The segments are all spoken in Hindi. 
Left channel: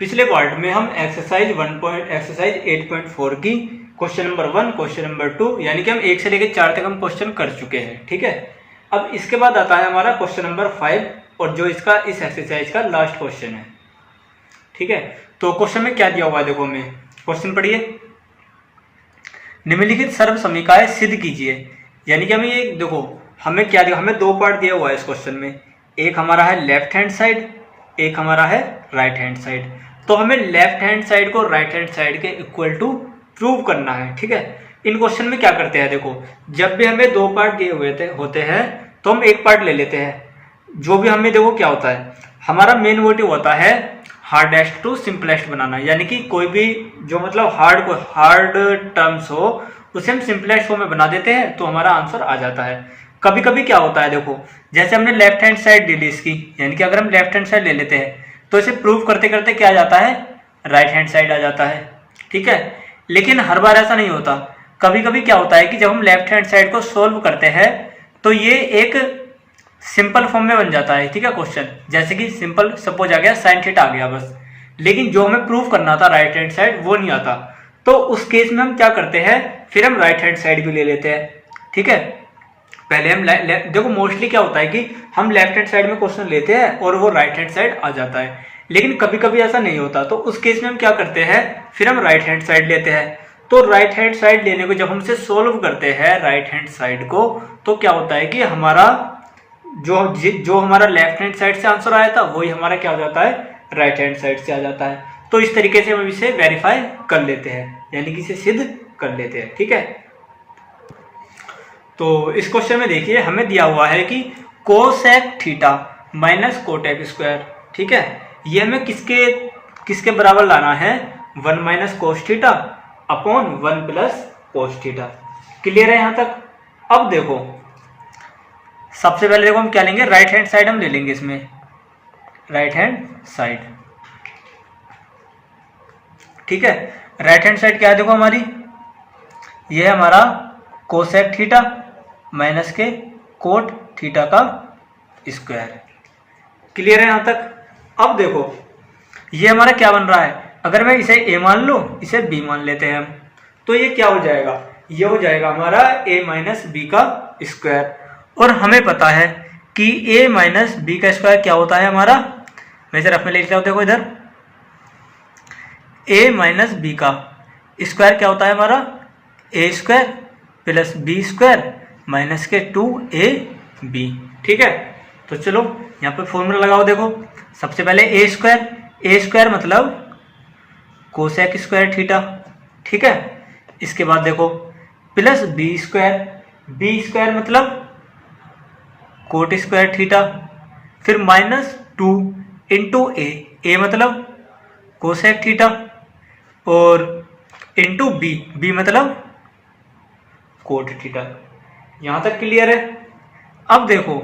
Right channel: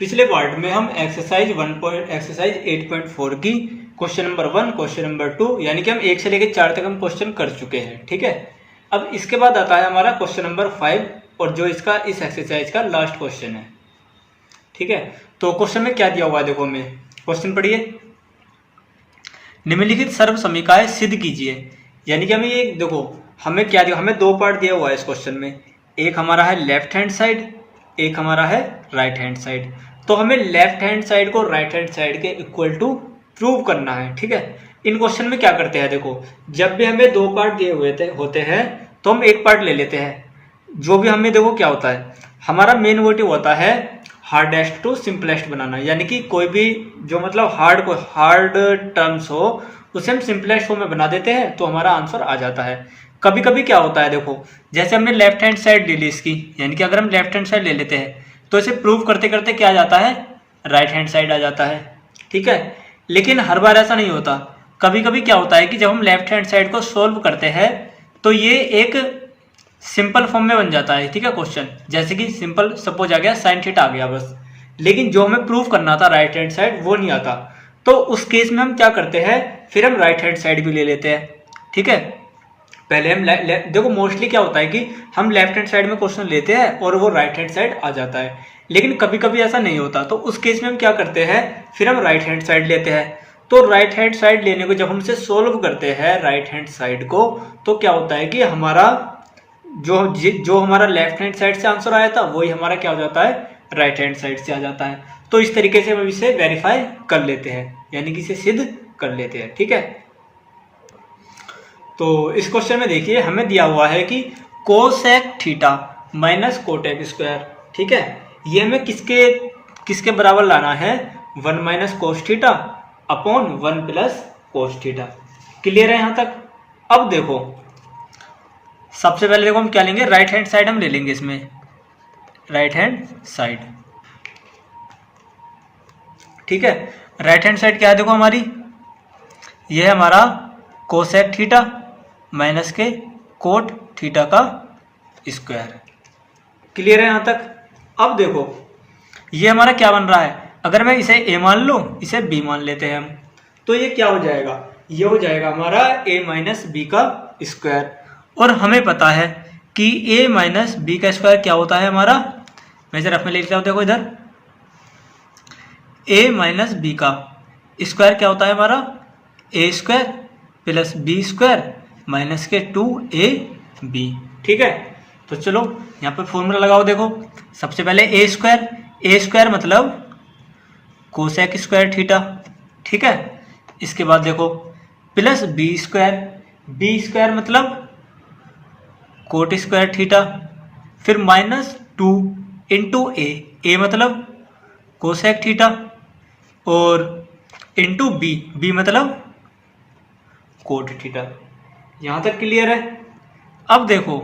पिछले पार्ट में हम एक्सरसाइज 8.4 की क्वेश्चन नंबर 1, क्वेश्चन नंबर 2 यानी कि हम 1 से लेकर 4 तक हम क्वेश्चन कर चुके हैं। ठीक है, अब इसके बाद आता है हमारा क्वेश्चन नंबर 5 और जो इसका इस एक्सरसाइज का लास्ट क्वेश्चन है। ठीक है, तो क्वेश्चन में क्या दिया हुआ है देखो, हमें क्वेश्चन पढ़िए। निम्नलिखित सर्व समीकरण सिद्ध कीजिए। यानी कि हमें ये देखो, हमें क्या दिया, हमें दो पार्ट दिया हुआ है इस क्वेश्चन में। एक हमारा है लेफ्ट हैंड साइड, एक हमारा है राइट हैंड साइड। तो हमें लेफ्ट हैंड साइड को राइट हैंड साइड के इक्वल टू प्रूव करना है। ठीक है, इन क्वेश्चन में क्या करते हैं देखो, जब भी हमें दो पार्ट दिए हुए होते हैं तो हम एक पार्ट ले लेते हैं। जो भी हमें देखो क्या होता है, हमारा मेन मोटिव होता है हार्डेस्ट टू सिंपलेस्ट बनाना। यानी कि कोई भी जो मतलब हार्ड टर्म्स हो उसे हम सिंपलेस्ट फॉर्म में बना देते हैं तो हमारा आंसर आ जाता है। कभी कभी क्या होता है देखो, जैसे हमने लेफ्ट हैंड साइड ले ली इसकी, यानी कि अगर हम लेफ्ट हैंड साइड ले लेते हैं तो इसे प्रूव करते करते क्या आ जाता है, राइट हैंड साइड आ जाता है। ठीक है, लेकिन हर बार ऐसा नहीं होता। कभी कभी क्या होता है कि जब हम लेफ्ट हैंड साइड को सोल्व करते हैं तो ये एक सिंपल फॉर्म में बन जाता है। ठीक है, क्वेश्चन जैसे कि सिंपल सपोज आ गया साइन थीटा आ गया बस, लेकिन जो हमें प्रूव करना था राइट हैंड साइड वो नहीं आता। तो उस केस में हम क्या करते हैं, फिर हम राइट हैंड साइड भी ले लेते हैं। ठीक है, पहले हम देखो मोस्टली क्या होता है कि हम लेफ्ट हैंड साइड में क्वेश्चन लेते हैं और वो राइट हैंड साइड आ जाता है, लेकिन कभी कभी ऐसा नहीं होता। तो उस केस में हम क्या करते हैं, फिर हम राइट हैंड साइड लेते हैं। तो राइट हैंड साइड लेने को जब हम इसे सोल्व करते हैं राइट हैंड साइड को, तो क्या होता है कि हमारा जो हमारा लेफ्ट हैंड साइड से आंसर आया था वही हमारा क्या हो जाता है, राइट हैंड साइड से आ जाता है। तो इस तरीके से हम इसे वेरीफाई कर लेते हैं, यानी कि इसे सिद्ध कर लेते हैं। ठीक है, तो इस क्वेश्चन में देखिए हमें दिया हुआ है कि cosec theta minus Kotak square. ठीक है, ये हमें किसके बराबर लाना है, 1 minus cos theta upon 1 plus cos theta. Clear है यहाँ तक। अब देखो सबसे पहले देखो हम क्या लेंगे, राइट हैंड साइड हम ले लेंगे इसमें, राइट हैंड साइड। ठीक है, राइट हैंड साइड क्या है देखो हमारी, ये है हमारा कोसेक थीटा माइनस के कोट थीटा का स्क्वायर। क्लियर है यहाँ तक। अब देखो ये हमारा क्या बन रहा है, अगर मैं इसे a मान लूँ, इसे b मान लेते हैं हम, तो ये क्या हो जाएगा, ये हो जाएगा हमारा a माइनस बी का स्क्वायर। और हमें पता है कि a माइनस बी का स्क्वायर क्या होता है हमारा, मैं इसे रफ में लिख लेता हूँ। देखो इधर a माइनस बी का स्क्वायर क्या होता है हमारा, a square plus b square minus के 2ab। ठीक है, तो चलो यहाँ पे फॉर्मूला लगाओ। देखो सबसे पहले a स्क्वायर मतलब कोसेक स्क्वायर थीटा। ठीक है, इसके बाद देखो प्लस बी स्क्वायर मतलब कोट स्क्वायर थीटा, फिर माइनस 2 इंटू ए मतलब कोसेक थीटा और इंटू बी मतलब कोट थीटा। यहां तक क्लियर है। अब देखो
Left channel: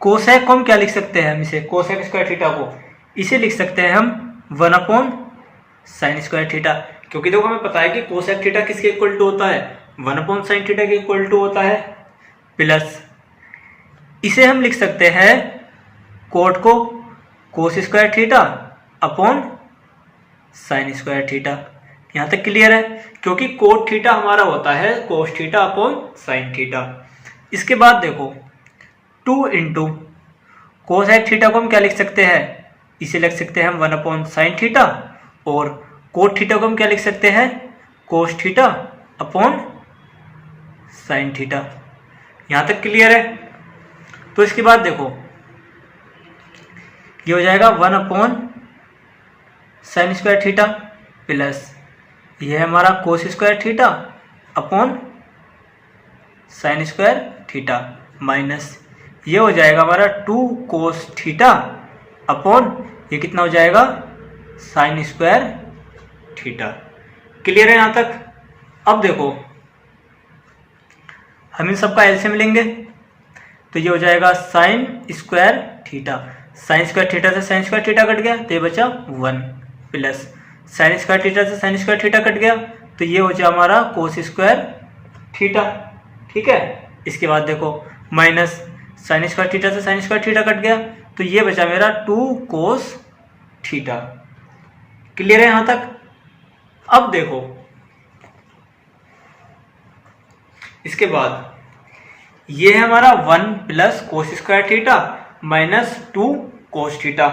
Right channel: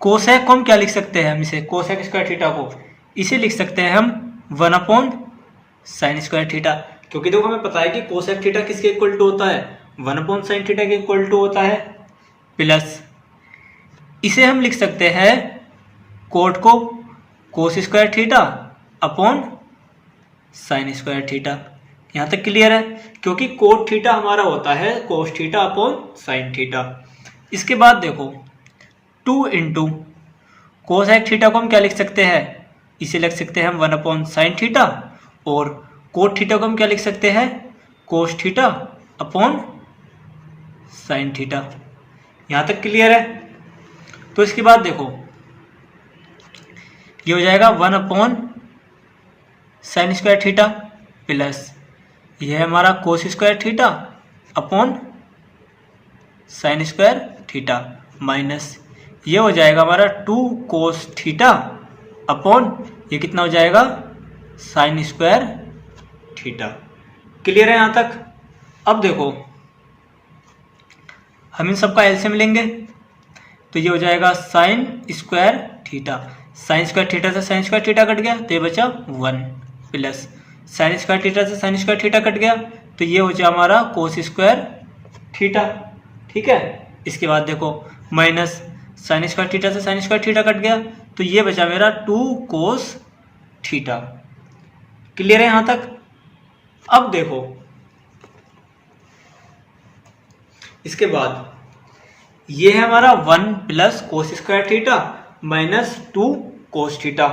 कोसेक को हम क्या लिख सकते हैं, हम इसे कोसेक स्क्वायर थीटा को इसे लिख सकते हैं हम 1 अपॉन साइन स्क्वायर थीटा, क्योंकि देखो हमें पता है कि कोसेक थीटा किसके इक्वल टू होता है, 1 अपॉन साइन थीटा के इक्वल टू होता है। प्लस इसे हम लिख सकते हैं कोट को कोस square theta upon sine square theta. यहां तक क्लियर है, क्योंकि कोट थीटा हमारा होता है cos theta upon sine theta. इसके बाद देखो 2 इंटू कोसेक थीटा को हम क्या लिख सकते हैं, इसे लिख सकते हैं हम 1 अपॉन साइन थीटा, और कोट थीटा को हम क्या लिख सकते हैं, cos theta upon sine theta. यहां तक क्लियर है। तो इसके बाद देखो ये हो जाएगा 1 upon sine square theta plus ये है हमारा कोस square theta upon sine square theta minus ये हो जाएगा हमारा 2 कोस थीटा अपॉन ये कितना हो जाएगा, साइन स्क्वायर थीटा। क्लियर है यहाँ तक। अब देखो हम इन सबका एलसीएम लेंगे तो ये हो जाएगा sign square theta, sign square theta से साइन स्क्वायर थीटा कट गया तो ये बचा 1 प्लस साइन स्क्वायर थीटा से साइन स्क्वायर थीटा कट गया तो ये बचा हमारा कोस स्क्वायर थीटा। ठीक है, इसके बाद देखो माइनस साइन स्क्वायर थीटा से साइन स्क्वायर थीटा कट गया तो ये बचा मेरा 2 कोस थीटा। क्लियर है यहां तक? अब देखो इसके बाद ये है हमारा 1 plus cos square theta minus 2 cos theta.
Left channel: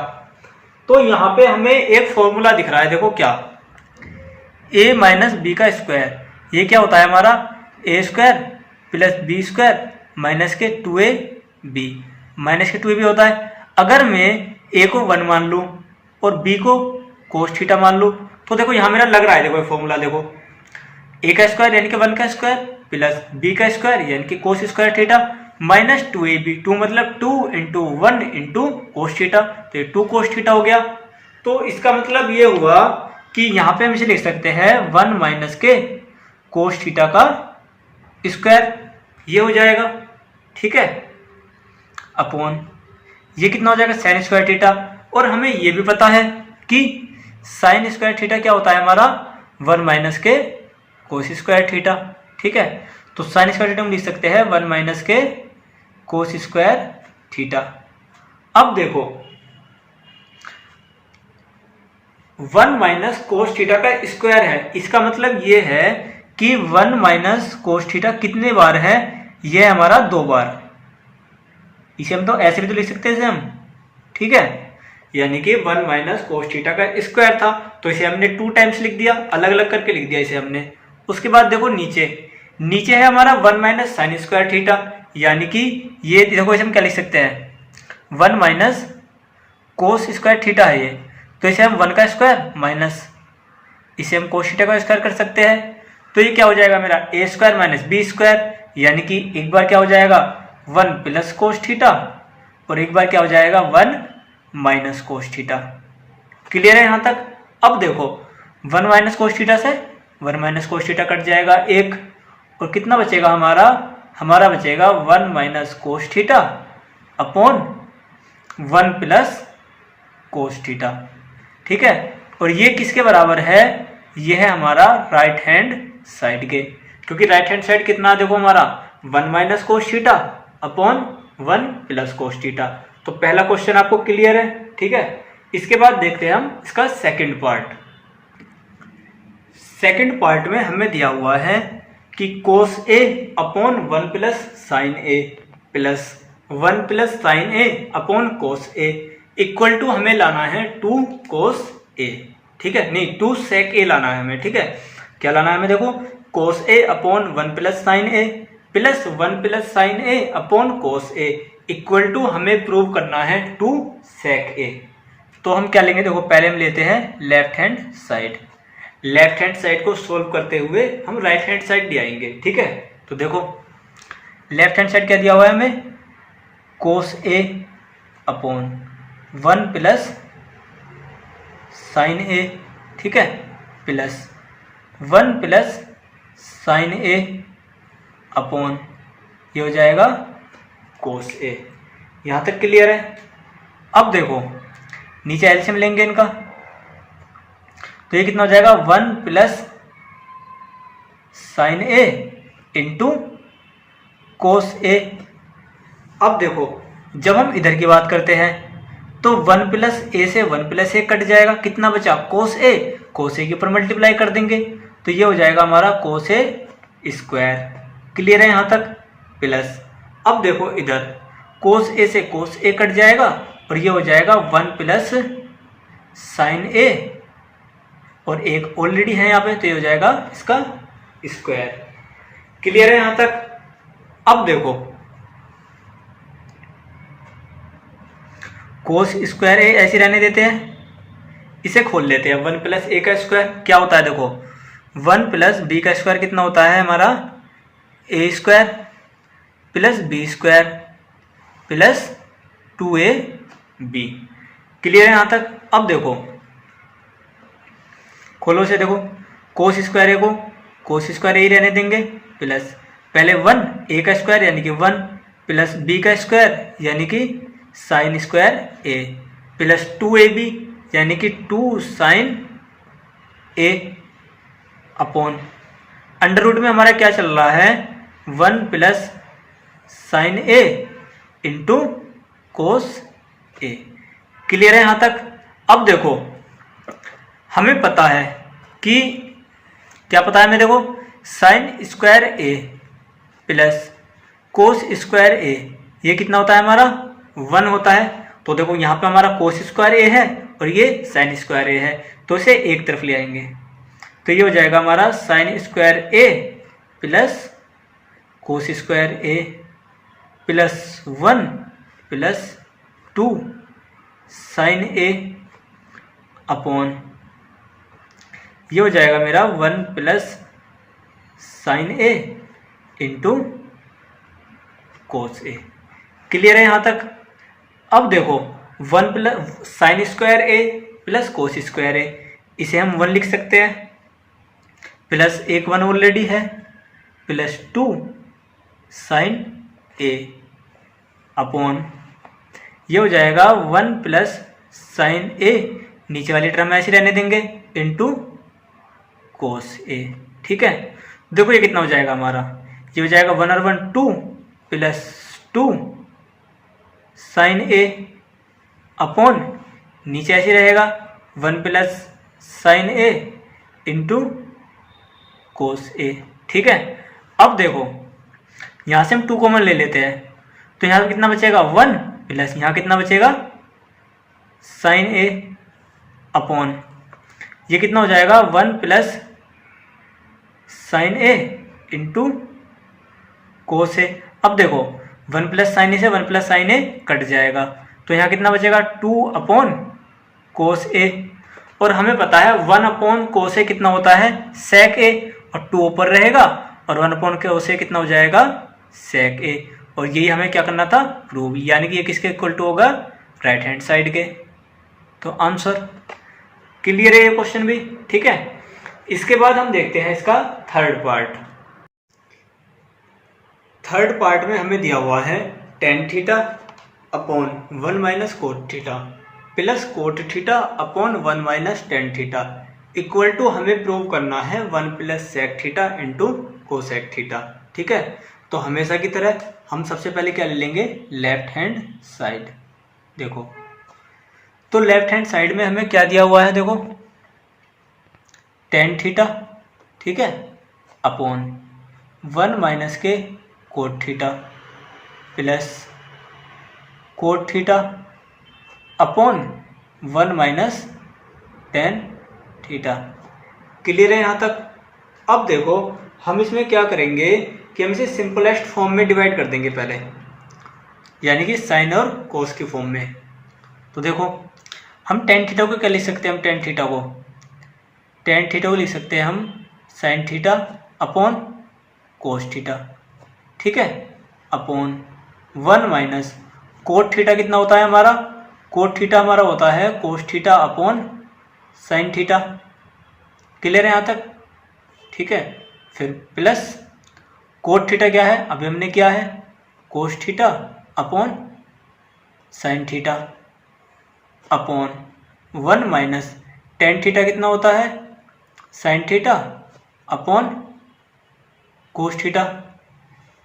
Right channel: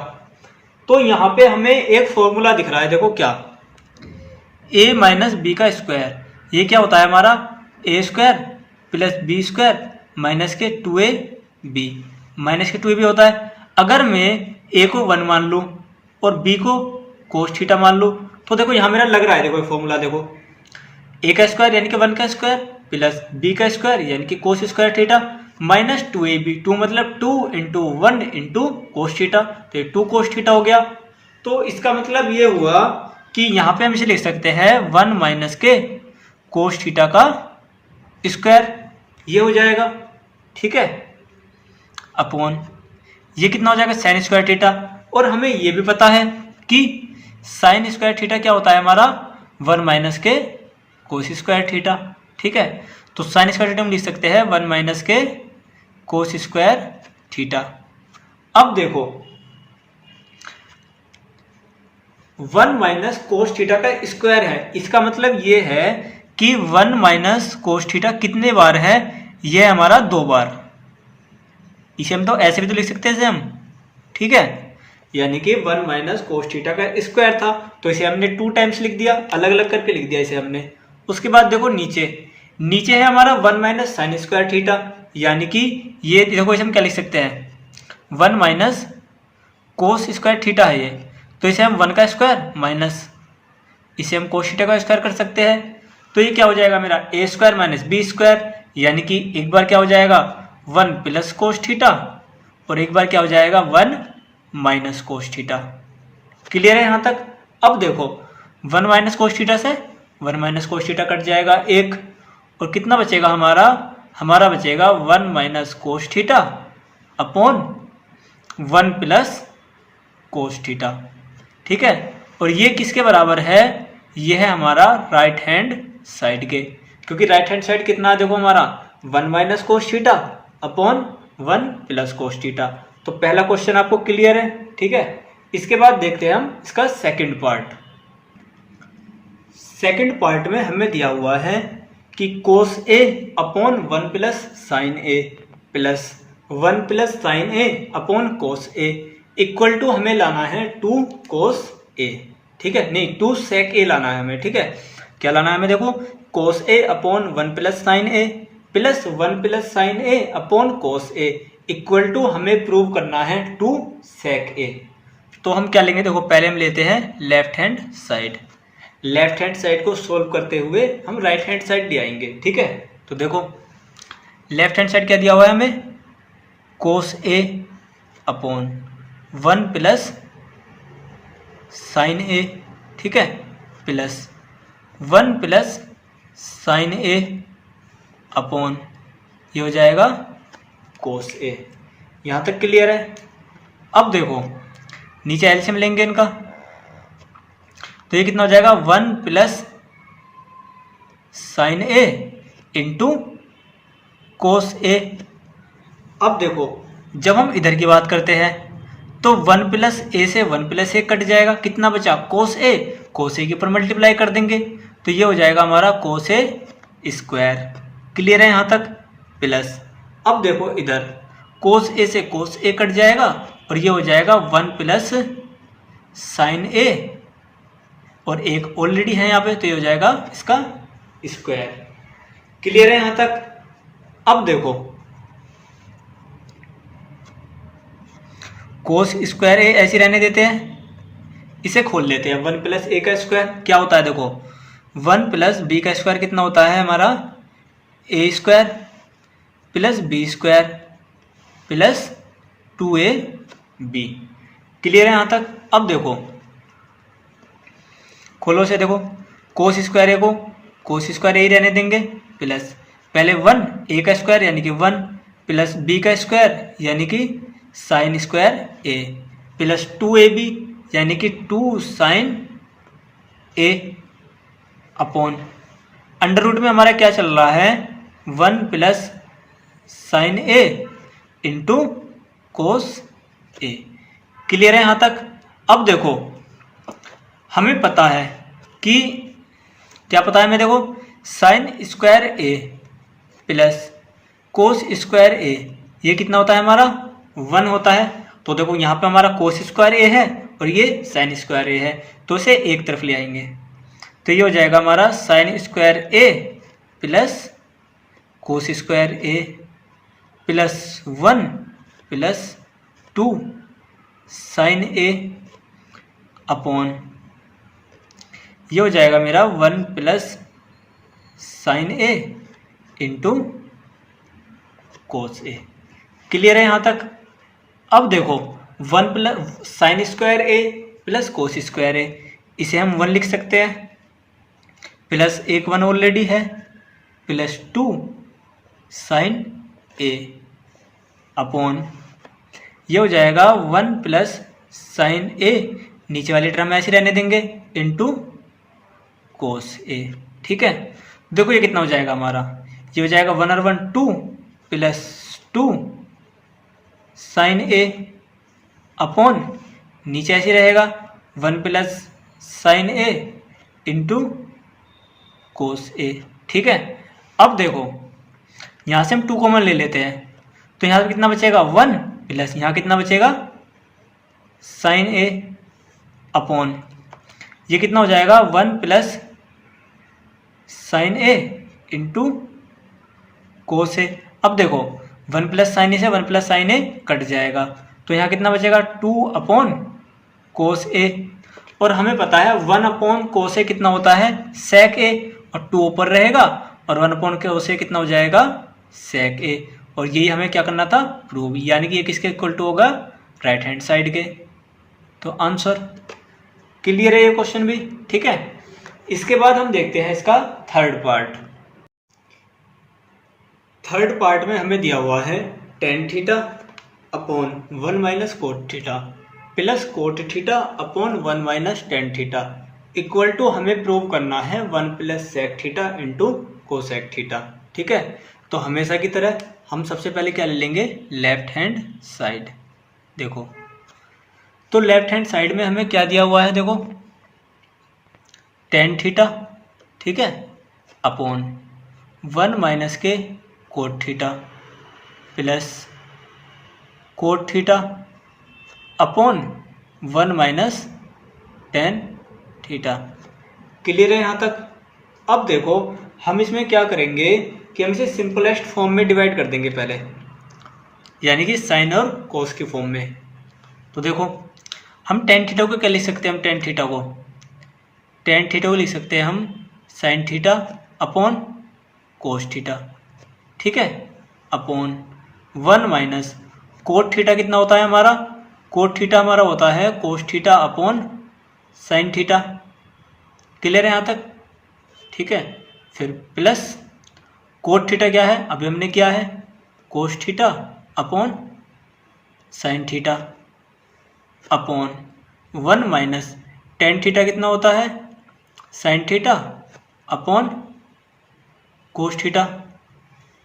तो यहां पे हमें एक फॉर्मूला दिख रहा है, देखो क्या, a माइनस बी का स्क्वायर, ये क्या होता है हमारा a square plus b square minus के 2ab, माइनस के 2ab होता है। अगर मैं a को 1 मान लूँ और b को कोस थीटा मान लूँ तो देखो यहाँ मेरा लग रहा है, देखो ये फॉर्मूला देखो, a का स्क्वायर यानी कि 1 का स्क्वायर प्लस b का स्क्वायर यानी कि कोस स्क्वायर थीटा माइनस 2ab, 2 मतलब 2 इंटू 1 इंटू कोस थीटा, तो ये 2 कोस थीटा हो गया। तो इसका मतलब ये हुआ कि यहाँ पे हम इसे लिख सकते हैं 1 माइनस के कोस थीटा का स्क्वायर, ये हो जाएगा, ठीक है, अपॉन ये कितना हो जाएगा साइन स्क्वायर थीटा। और हमें ये भी पता है कि साइन स्क्वायर थीटा क्या होता है हमारा 1 माइनस के कोस स्क्वायर थीटा, ठीक है। तो साइन स्क्वायर थीटा हम लिख सकते हैं 1 माइनस के कोस स्क्वायर थीटा। अब देखो 1 माइनस कोस थीटा का स्क्वायर है, इसका मतलब ये है कि 1 माइनस कोस थीटा कितने बार है, ये है हमारा 2 बार। इसे हम तो ऐसे भी तो लिख सकते हैं हम, ठीक है, यानी कि 1 माइनस कोस थीटा का स्क्वायर था तो इसे हमने 2 टाइम्स लिख दिया, अलग अलग करके लिख दिया इसे हमने। उसके बाद देखो नीचे है हमारा 1 माइनस साइन स्क्वायर थीटा, यानी कि ये देखो इसे हम क्या लिख सकते हैं 1 माइनस कोस स्क्वायर थीटा है ये, तो इसे हम 1 का स्क्वायर माइनस इसे हम कोस थीटा का स्क्वायर कर सकते हैं। तो ये क्या हो जाएगा मेरा a square minus b square, यानी कि एक बार क्या हो जाएगा 1 प्लस कोस थीटा और एक बार क्या हो जाएगा 1 माइनस कोस थीटा। क्लियर है यहां तक? अब देखो 1 माइनस कोस थीटा से 1 माइनस कोस थीटा कट जाएगा 1, और कितना बचेगा हमारा बचेगा 1 minus cos theta upon 1 plus cos theta, ठीक है। और ये किसके बराबर है, ये है हमारा राइट हैंड साइड के, क्योंकि राइट हैंड साइड कितना देखो हमारा 1 minus cos theta upon 1 plus cos theta. तो पहला क्वेश्चन आपको क्लियर है, ठीक है। इसके बाद देखते हैं हम इसका सेकंड पार्ट। सेकंड पार्ट में हमें दिया हुआ है कि cos a upon 1 plus sine a plus 1 plus sine a upon cos a equal to हमें लाना है 2 कोस ए, ठीक है, नहीं 2 सेक ए लाना है हमें, ठीक है। क्या लाना है हमें, देखो cos a upon 1 plus sine a plus 1 plus sine a upon cos a equal to हमें प्रूव करना है 2 सेक ए। तो हम क्या लेंगे, देखो पहले हम लेते हैं left hand side, left hand side को सोल्व करते हुए हम राइट हैंड साइड ले आएंगे, ठीक है। तो देखो लेफ्ट हैंड साइड क्या दिया हुआ है हमें, कोस ए अपॉन 1 प्लस साइन ए, ठीक है, plus 1 plus sine a upon ये हो जाएगा कोस ए। यहां तक क्लियर है? अब देखो नीचे एलसीएम लेंगे इनका, तो ये कितना हो जाएगा 1 plus sine a into cos ए। अब देखो जब हम इधर की बात करते हैं तो 1 प्लस ए से 1 प्लस ए कट जाएगा, कितना बचा कोस ए, कोस ए के ऊपर मल्टीप्लाई कर देंगे तो ये हो जाएगा हमारा कोस ए स्क्वायर। क्लियर है यहां तक? प्लस अब देखो इधर कोस ए से कोस ए कट जाएगा और ये हो जाएगा 1 प्लस साइन ए और एक ऑलरेडी है यहाँ पे तो ये हो जाएगा इसका स्क्वायर। क्लियर है यहां तक? अब देखो कोस स्क्वायर ए ऐसे रहने देते हैं, इसे खोल लेते हैं 1 प्लस ए का स्क्वायर क्या होता है, देखो 1 प्लस बी का स्क्वायर कितना होता है हमारा a square plus b square plus 2ab। Clear है यहां तक? अब देखो खोलो से, देखो कोस स्क्वायर ए को कोस स्क्वायर ए ही रहने देंगे प्लस पहले 1 ए का स्क्वायर यानी कि 1 प्लस बी का स्क्वायर यानी कि sign square a plus 2ab यानी कि 2 sine a upon under root में हमारा क्या चल रहा है 1 plus sine a into cos A. Clear है यहां तक? अब देखो हमें पता है कि क्या पता है हमें, देखो sign square a plus cos square ए ये कितना होता है हमारा 1 होता है। तो देखो यहाँ पे हमारा कोस स्क्वायर ए है और ये साइन स्क्वायर ए है, तो इसे एक तरफ ले आएंगे तो ये हो जाएगा हमारा sign square a plus cos square a plus 1 plus 2 sine a upon ये हो जाएगा मेरा 1 plus sine a into cos A. Clear है यहाँ तक। अब देखो 1 plus sign square a plus cos square ए, इसे हम 1 लिख सकते हैं, प्लस एक 1 ऑलरेडी है, प्लस 2 साइन ए अपॉन ये हो जाएगा 1 प्लस साइन ए, नीचे वाली टर्म ऐसे रहने देंगे, इंटू कोस ए। ठीक है, देखो ये कितना हो जाएगा हमारा, ये हो जाएगा 1 और 1 2 प्लस 2 साइन ए अपॉन नीचे ऐसे रहेगा 1 plus sine a into cos a. ठीक है, अब देखो यहाँ से हम 2 कॉमन ले लेते हैं, तो यहाँ पे कितना बचेगा 1 प्लस यहाँ कितना बचेगा साइन ए अपॉन ये कितना हो जाएगा 1 plus sine a into cos ए। अब देखो 1 प्लस साइन ए से 1 प्लस साइन ए कट जाएगा, तो यहाँ कितना बचेगा 2 अपॉन कोस ए, और हमें पता है 1 अपॉन कोस ए कितना होता है सेक ए, और 2 ऊपर रहेगा और 1 अपॉन कोस ए कितना हो जाएगा सेक ए, और यही हमें क्या करना था प्रूव, यानी कि ये किसके इक्वल टू होगा राइट हैंड साइड के। तो आंसर क्लियर है ये क्वेश्चन भी। ठीक है, इसके बाद हम देखते हैं इसका थर्ड पार्ट। थर्ड पार्ट में हमें दिया हुआ है tan theta upon 1 minus cot theta plus cot theta upon 1 minus tan theta equal to हमें प्रूव करना है 1 plus sec theta into cosec theta. ठीक है, तो हमेशा की तरह हम सबसे पहले क्या ले लेंगे लेफ्ट हैंड साइड। देखो तो लेफ्ट हैंड साइड में हमें क्या दिया हुआ है, देखो टेन थीटा, ठीक है, अपॉन 1 माइनस के coat theta plus cot theta upon 1 minus tan theta. Clear है यहाँ तक। अब देखो हम इसमें क्या करेंगे कि हम इसे सिंपलेस्ट फॉर्म में डिवाइड कर देंगे पहले, यानी कि साइन और कोस की फॉर्म में। तो देखो हम टेन थीटा को क्या लिख सकते हैं, हम टेन थीटा को लिख सकते हैं हम sine theta upon cos theta, ठीक है, अपॉन 1 माइनस कोट थीटा कितना होता है हमारा, कोट थीटा हमारा होता है cos theta upon sine theta. Clear है यहाँ तक। ठीक है, फिर प्लस कोट थीटा क्या है, अभी हमने किया है cos theta upon sine theta upon 1 minus tan theta कितना होता है sine theta upon cos theta.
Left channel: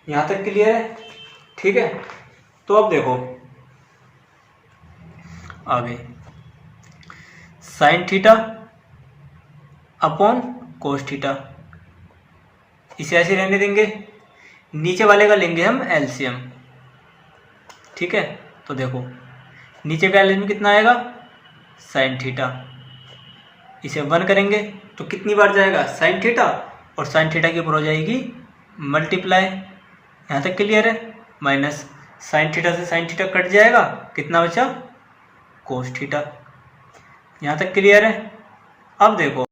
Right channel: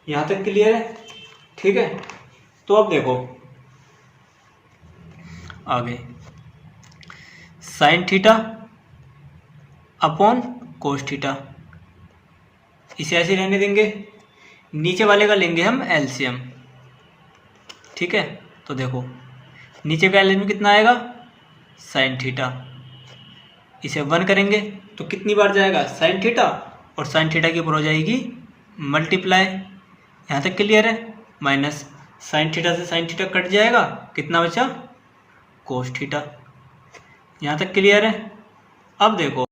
यहाँ तक क्लियर है। ठीक है, तो अब देखो आगे sine theta upon cos theta, इसे ऐसे रहने देंगे, नीचे वाले का लेंगे हम एलसीएम। ठीक है, तो देखो नीचे का एलसीएम कितना आएगा साइन थीटा, इसे 1 करेंगे तो कितनी बार जाएगा साइन थीटा, और साइन थीटा के ऊपर हो जाएगी मल्टीप्लाई। यहाँ तक क्लियर है। माइनस साइन थीटा से साइन थीटा कट जाएगा, कितना बचा कोस थीटा। यहाँ तक क्लियर है। अब देखो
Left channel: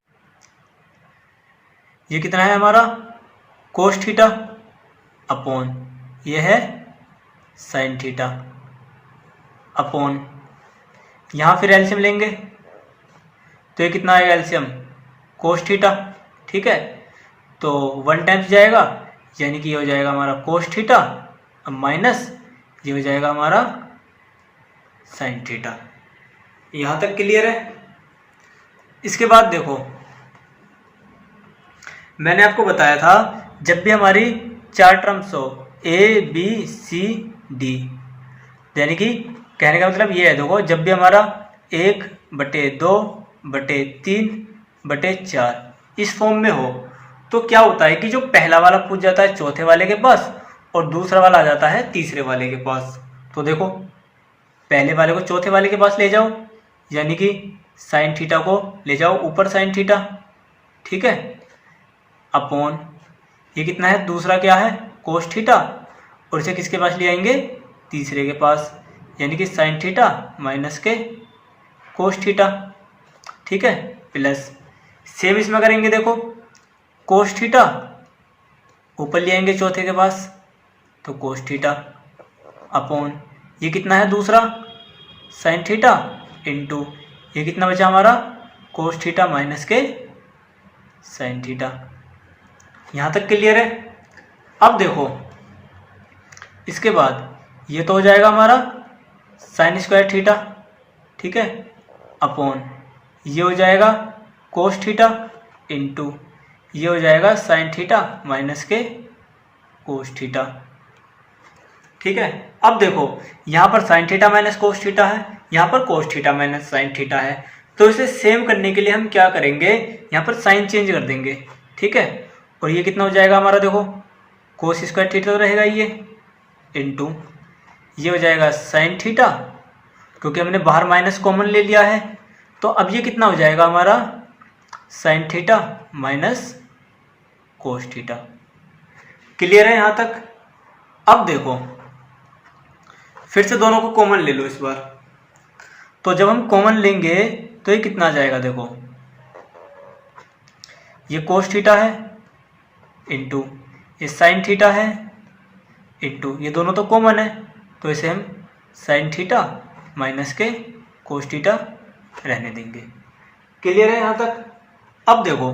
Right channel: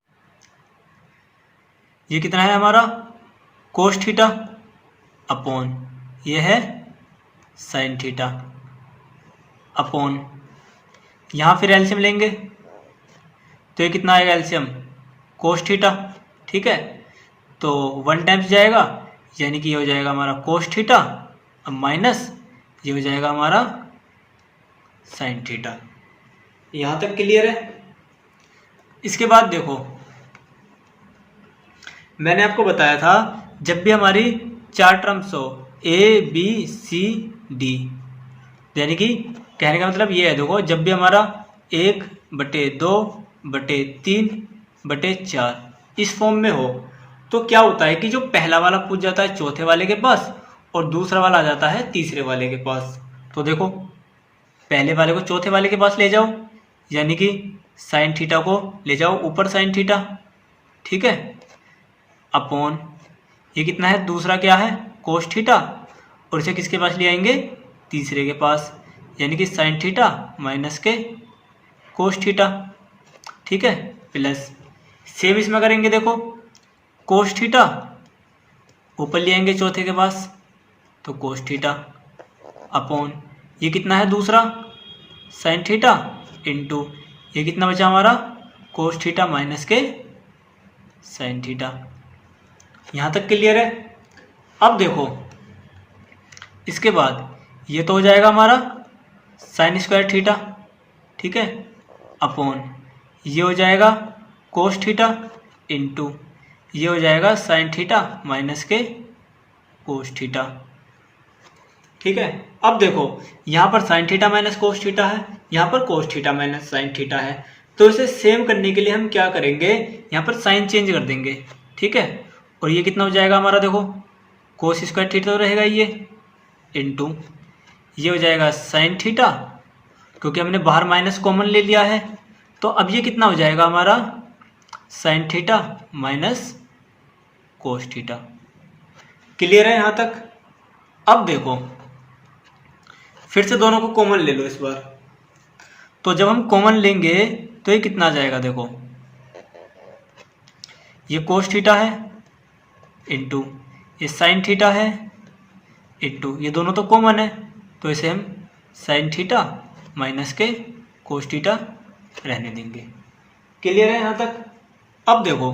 ये कितना है हमारा कोस थीटा अपॉन ये है साइन थीटा अपॉन यहाँ फिर एलसीएम लेंगे तो ये कितना आएगा एलसीएम कोस थीटा। ठीक है, तो 1 टाइम्स जाएगा, यानी कि ये हो जाएगा हमारा कोस थीटा, अब माइनस ये हो जाएगा हमारा साइन थीटा। यहाँ तक क्लियर है। इसके बाद देखो मैंने आपको बताया था जब भी हमारी 4 टर्म्स हो ए बी सी डी, यानी कि कहने का मतलब ये है, देखो जब भी हमारा 1/2 बटे 3/4 इस फॉर्म में हो तो क्या होता है कि जो पहला वाला पूछ जाता है चौथे वाले के पास और दूसरा वाला आ जाता है तीसरे वाले के पास। तो देखो पहले वाले को चौथे वाले के पास ले जाओ, यानी कि साइन थीटा को ले जाओ ऊपर साइन थीटा, ठीक है, अपॉन ये कितना है, दूसरा क्या है कोस थीटा, और इसे किसके पास ले आएंगे, तीसरे के पास, यानी कि साइन थीटा माइनस के कोस थीटा, ठीक है, प्लस सेम इसमें करेंगे, देखो कोस थीटा ऊपर ले आएंगे चौथे के पास तो कोस थीटा अपॉन ये कितना है दूसरा साइन थीटा इंटू ये कितना बचा हमारा कोस थीटा माइनस के साइन थीटा। यहाँ तक क्लियर है। अब देखो इसके बाद ये तो हो जाएगा हमारा साइन स्क्वायर थीटा, ठीक है, अपॉन ये हो जाएगा कोस थीटा इंटू ये हो जाएगा साइन थीटा माइनस के कोस थीटा, ठीक है। अब देखो यहाँ पर sine theta minus cos theta है, यहाँ पर cos theta minus sine theta है, तो इसे सेम करने के लिए हम क्या करेंगे, यहाँ पर साइन चेंज कर देंगे, ठीक है, और ये कितना हो जाएगा हमारा, देखो कोस स्क्वायर थीटा तो रहेगा ये इंटू ये हो जाएगा साइन थीटा, क्योंकि हमने बाहर माइनस कॉमन ले लिया है, तो अब ये कितना हो जाएगा हमारा sine theta minus cos theta. Clear है यहाँ तक। अब देखो फिर से दोनों को कॉमन ले लो इस बार, तो जब हम कॉमन लेंगे तो ये कितना आ जाएगा, देखो ये कोस थीटा है इंटू ये साइन थीटा है इंटू ये दोनों तो कॉमन है, तो इसे हम साइन थीटा माइनस के कोस थीटा रहने देंगे। क्लियर है यहाँ तक। अब देखो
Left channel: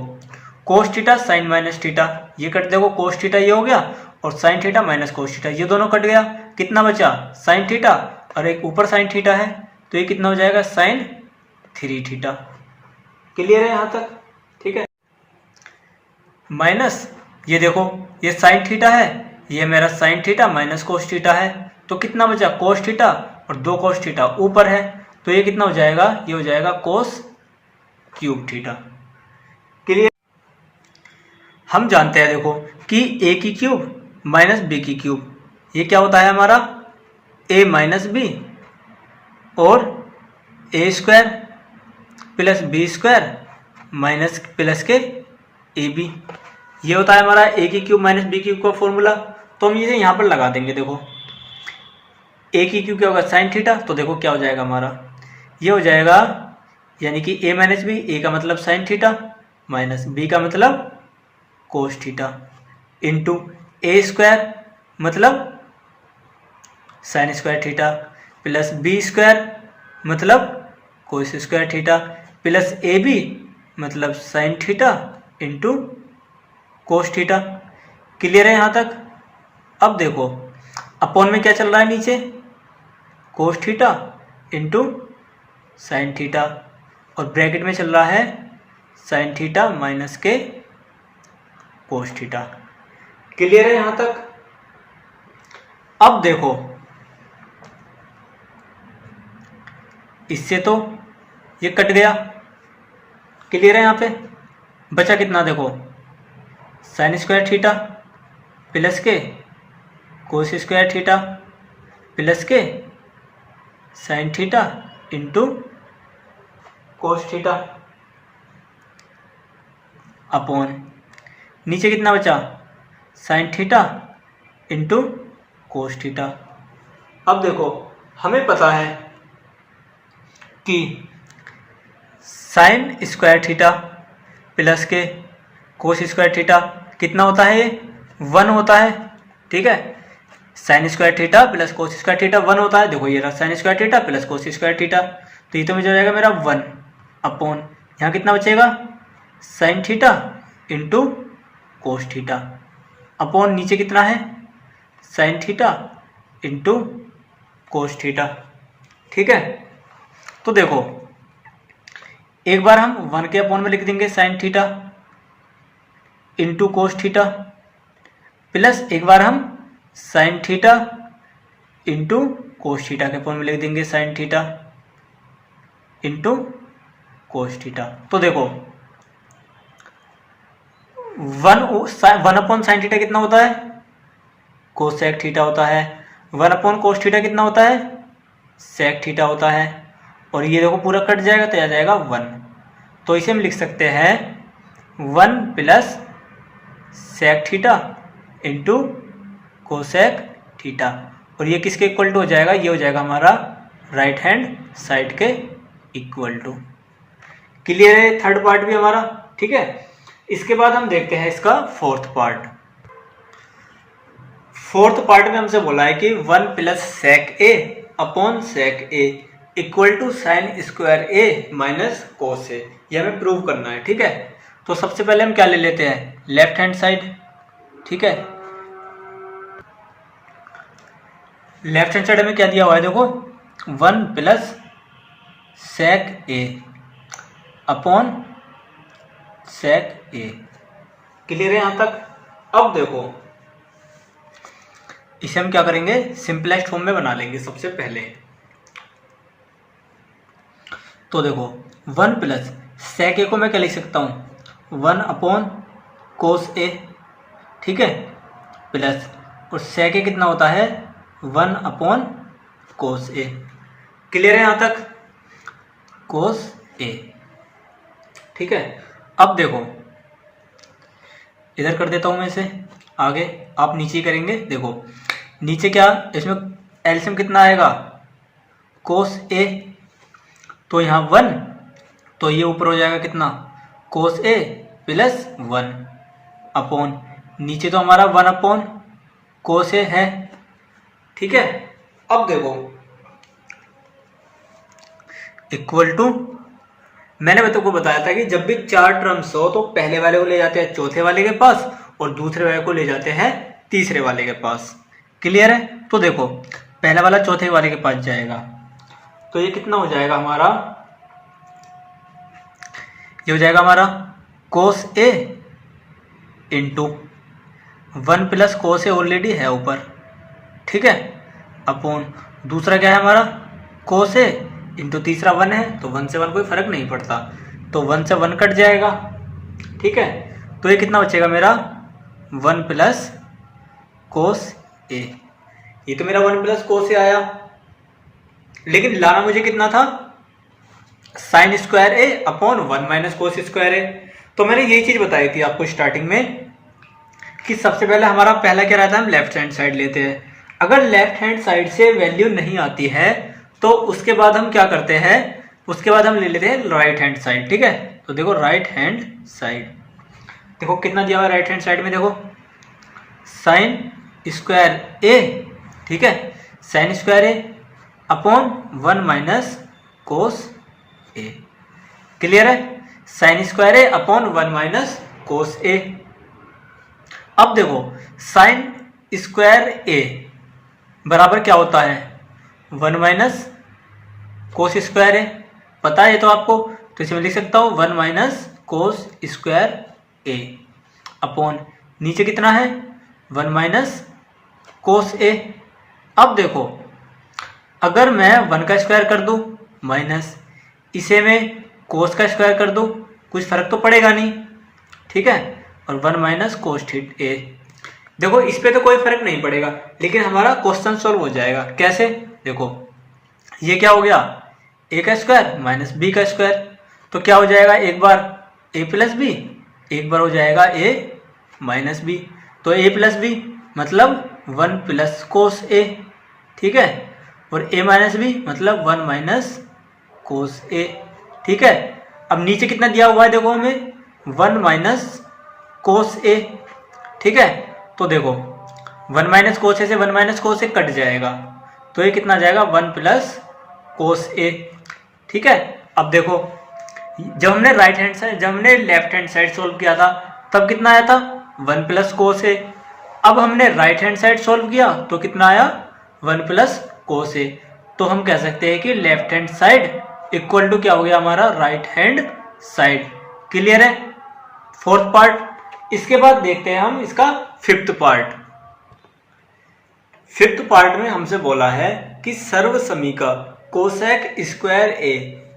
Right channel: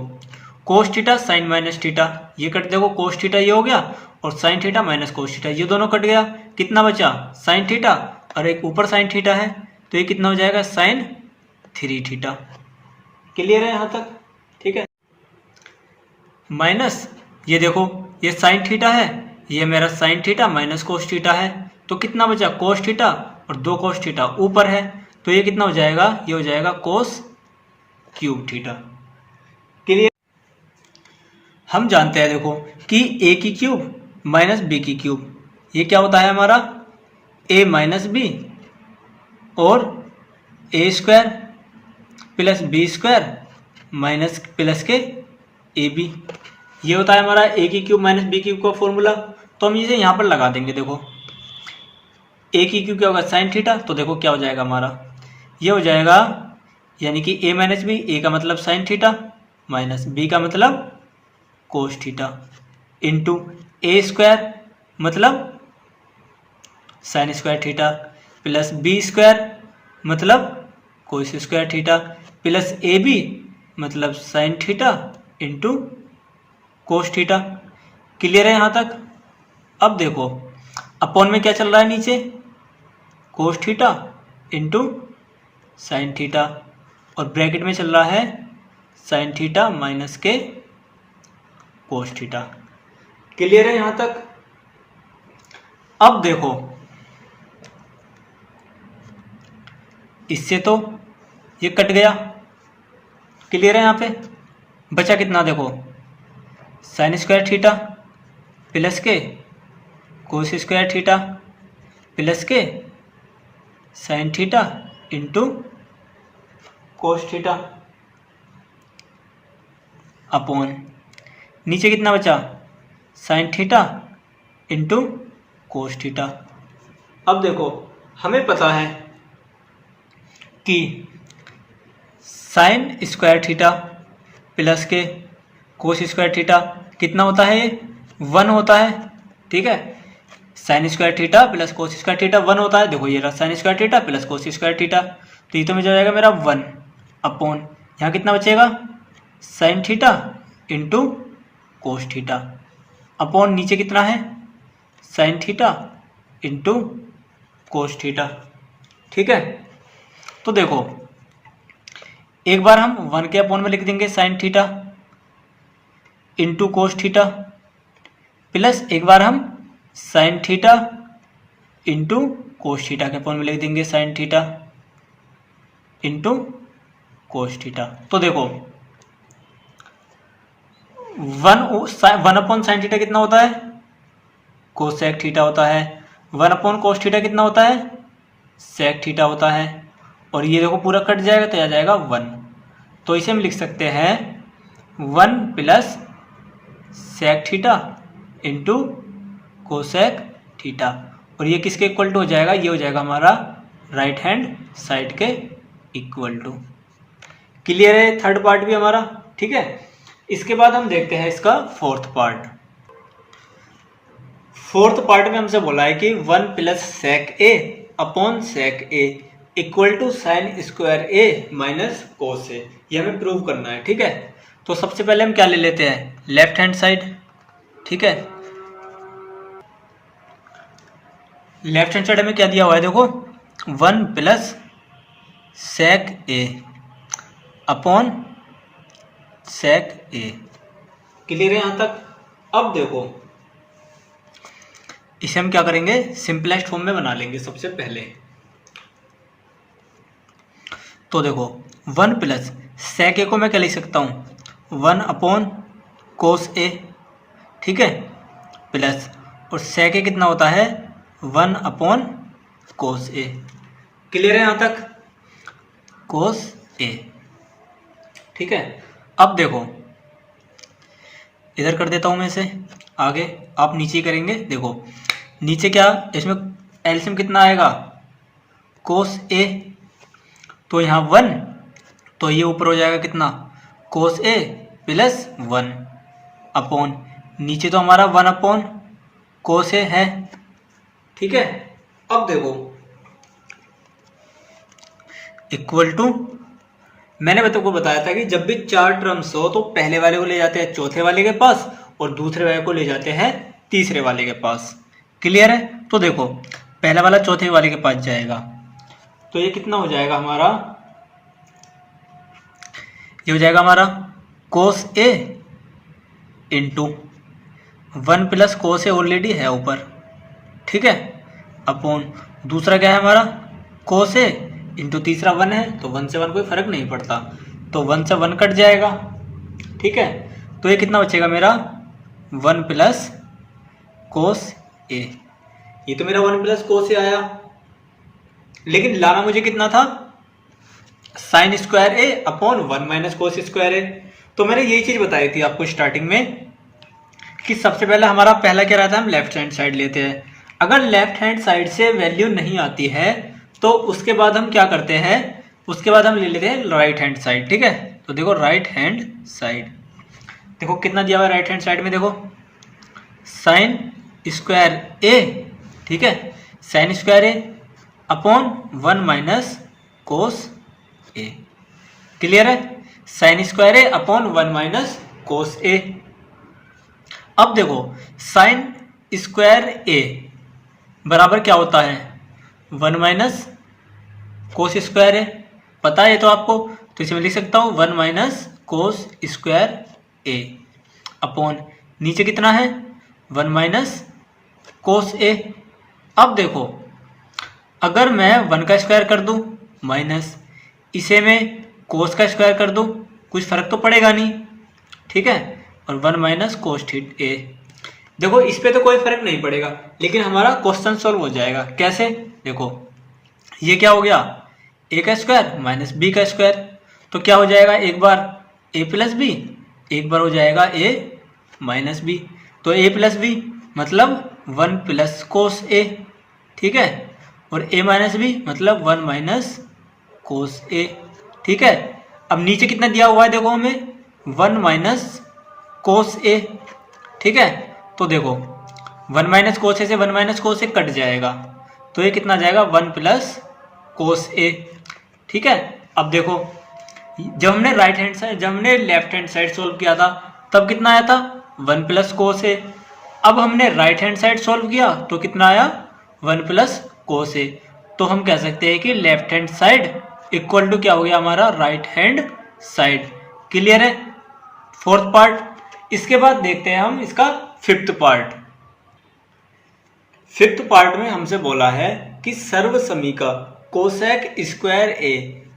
cos theta sine minus theta ये कट, देखो कोस थीटा ये हो गया और sine theta minus cos theta ये दोनों कट गया, कितना बचा साइन थीटा और एक ऊपर साइन थीटा है, तो ये कितना हो जाएगा साइन 3 थीटा। क्लियर है यहाँ तक, ठीक है। माइनस ये देखो ये साइन थीटा है, ये मेरा sine theta minus cos theta है, तो कितना बचा कोस थीटा और 2 कोस थीटा ऊपर है, तो ये कितना हो जाएगा, ये हो जाएगा कोस क्यूब थीटा। क्लियर। हम जानते हैं देखो कि ए की क्यूब माइनस बी की क्यूब ये क्या होता है हमारा ए माइनस बी और a square plus b square minus plus के ए बी, ये होता है हमारा ए की क्यूब माइनस बी क्यूब का फॉर्मूला। तो हम इसे यहाँ पर लगा देंगे, देखो ए की क्यूब क्या होगा साइन थीटा, तो देखो क्या हो जाएगा हमारा ये हो जाएगा, यानी कि ए माइनस बी, ए का मतलब साइन थीटा माइनस बी का मतलब cos theta into a square मतलब sine square theta plus b square मतलब cos square theta plus a b मतलब sine theta into cos theta. Clear है यहाँ तक। अब देखो अपॉन में क्या चल रहा है नीचे कोस थीटा इंटू साइन थीटा और ब्रैकेट में चल रहा है साइन थीटा माइनस के कोस थीटा। क्लियर है यहाँ तक। अब देखो इससे तो ये कट गया, क्लियर है यहाँ पे, बचा कितना देखो साइन स्क्वायर थीटा प्लस के कोस स्क्वायर थीटा प्लस के sign theta into cos theta upon नीचे कितना बचा sign theta into cos theta. अब देखो हमें पता है कि साइन स्क्वायर थीटा प्लस के कोस स्क्वायर थीटा कितना होता है, ये 1 होता है, ठीक है। Sign square theta plus cos square theta 1 होता है, देखो ये रहा sign square theta plus cos square theta, तो ये तो मुझे जाएगा मेरा 1 अपॉन यहाँ कितना बचेगा sign theta into cos theta upon नीचे कितना है sign theta into cos theta, ठीक है। तो देखो एक बार हम 1 के अपॉन में लिख देंगे sign theta into cos theta plus एक बार हम sign theta into cos theta के अपॉन में लिख देंगे sign theta into cos theta. तो देखो 1/sin थीटा कितना होता है, कोसेक थीटा होता है। 1/cos थीटा कितना होता है, सेक थीटा होता है। और ये देखो पूरा कट जाएगा तो आ जाएगा 1। तो इसे हम लिख सकते हैं 1 plus sec theta into cosec theta. और ये किसके इक्वल टू हो जाएगा, ये हो जाएगा हमारा राइट हैंड साइड के इक्वल टू। क्लियर है थर्ड पार्ट भी हमारा, ठीक है। इसके बाद हम देखते हैं इसका फोर्थ पार्ट। फोर्थ पार्ट में हमसे बोला है कि 1 plus sec a upon sec a equal to sine square a minus cos a. ये हमें प्रूव करना है, ठीक है। तो सबसे पहले हम क्या ले लेते हैं, लेफ्ट हैंड साइड, ठीक है। लेफ्ट हैंड साइड में क्या दिया हुआ है देखो, 1 plus sec a upon sec A. Clear है यहां तक। अब देखो इसे हम क्या करेंगे, सिंपलेस्ट फॉर्म में बना लेंगे सबसे पहले। तो देखो 1 प्लस सेक ए को मैं क्या लिख सकता हूं, 1 अपॉन कोस ए, ठीक है, प्लस और सेक ए कितना होता है 1 अपॉन कोस ए। क्लियर है यहां तक, कोस ए, ठीक है। अब देखो इधर कर देता हूं मैं इसे आगे, आप नीचे ही करेंगे। देखो नीचे क्या, इसमें एलसीएम कितना आएगा, कोस ए, तो यहाँ 1, तो ये ऊपर हो जाएगा कितना, कोस ए प्लस 1 अपॉन, नीचे तो हमारा 1 अपॉन कोस ए है, ठीक है। अब देखो इक्वल टू, मैंने तुमको बताया था कि जब भी 4 टर्म्स हो तो पहले वाले को ले जाते हैं चौथे वाले के पास और दूसरे वाले को ले जाते हैं तीसरे वाले के पास। क्लियर है। तो देखो पहला वाला चौथे वाले के पास जाएगा, तो ये कितना हो जाएगा हमारा, ये हो जाएगा हमारा कोस ए इंटू 1 प्लस कोस ए ऑलरेडी है ऊपर, ठीक है, अपॉन दूसरा क्या है हमारा कोस ए इंटू तीसरा 1 है, तो 1 से 1 कोई फर्क नहीं पड़ता, तो 1 से 1 कट जाएगा, ठीक है। तो ये कितना बचेगा मेरा 1 प्लस कोस ए। ये तो मेरा 1 प्लस कोस ए आया, लेकिन लाना मुझे कितना था, sign square A upon 1 minus cos square a. तो मैंने यही चीज बताई थी आपको स्टार्टिंग में कि सबसे पहले हमारा पहला क्या रहता है, हम लेफ्ट हैंड साइड लेते हैं। अगर लेफ्ट हैंड साइड से वैल्यू नहीं आती है तो उसके बाद हम क्या करते हैं, उसके बाद हम ले लेते हैं राइट हैंड साइड, ठीक है। तो देखो राइट हैंड साइड, देखो कितना दिया हुआ है राइट हैंड साइड में, देखो साइन स्क्वायर ए, ठीक है, साइन स्क्वायर ए अपॉन 1 माइनस कोस ए। क्लियर है, साइन स्क्वायर ए अपॉन 1 माइनस कोस ए। अब देखो साइन स्क्वायर ए बराबर क्या होता है, 1 माइनस कोस स्क्वायर ए, पता है तो आपको, तो इसे मैं लिख सकता हूँ 1 माइनस कोस स्क्वायर ए अपॉन नीचे कितना है 1 माइनस कोस ए। अब देखो अगर मैं 1 का स्क्वायर कर दूं माइनस इसे मैं कोस का स्क्वायर कर दूं, कुछ फर्क तो पड़ेगा नहीं, ठीक है, और 1 माइनस कोस थीटा ए। देखो इस पे तो कोई फर्क नहीं पड़ेगा, लेकिन हमारा क्वेश्चन सॉल्व हो जाएगा कैसे, देखो ये क्या हो गया, ए का स्क्वायर माइनस बी का स्क्वायर, तो क्या हो जाएगा, एक बार ए प्लस बी, एक बार हो जाएगा ए माइनस बी, तो ए प्लस बी मतलब 1 प्लस कोस ए, ठीक है, और ए माइनस बी मतलब 1 माइनस कोस ए, ठीक है। अब नीचे कितना दिया हुआ है देखो हमें 1 माइनस कोस ए, ठीक है, तो देखो 1 माइनस कोस ए से 1 माइनस कोस ए कट जाएगा, तो ये कितना जाएगा 1 प्लस कोस ए, ठीक है। अब देखो जब हमने राइट हैंड साइड, जब हमने लेफ्ट हैंड साइड सोल्व किया था तब कितना आया था 1 प्लस कोस ए। अब हमने राइट हैंड साइड सोल्व किया तो कितना आया 1 प्लस कोस ए। तो हम कह सकते हैं कि left hand side equal to क्या हो गया हमारा राइट हैंड साइड। क्लियर है फोर्थ पार्ट। इसके बाद देखते हैं हम इसका फिफ्थ पार्ट। फिफ्थ पार्ट में हमसे बोला है कि सर्वसमी का cosec square a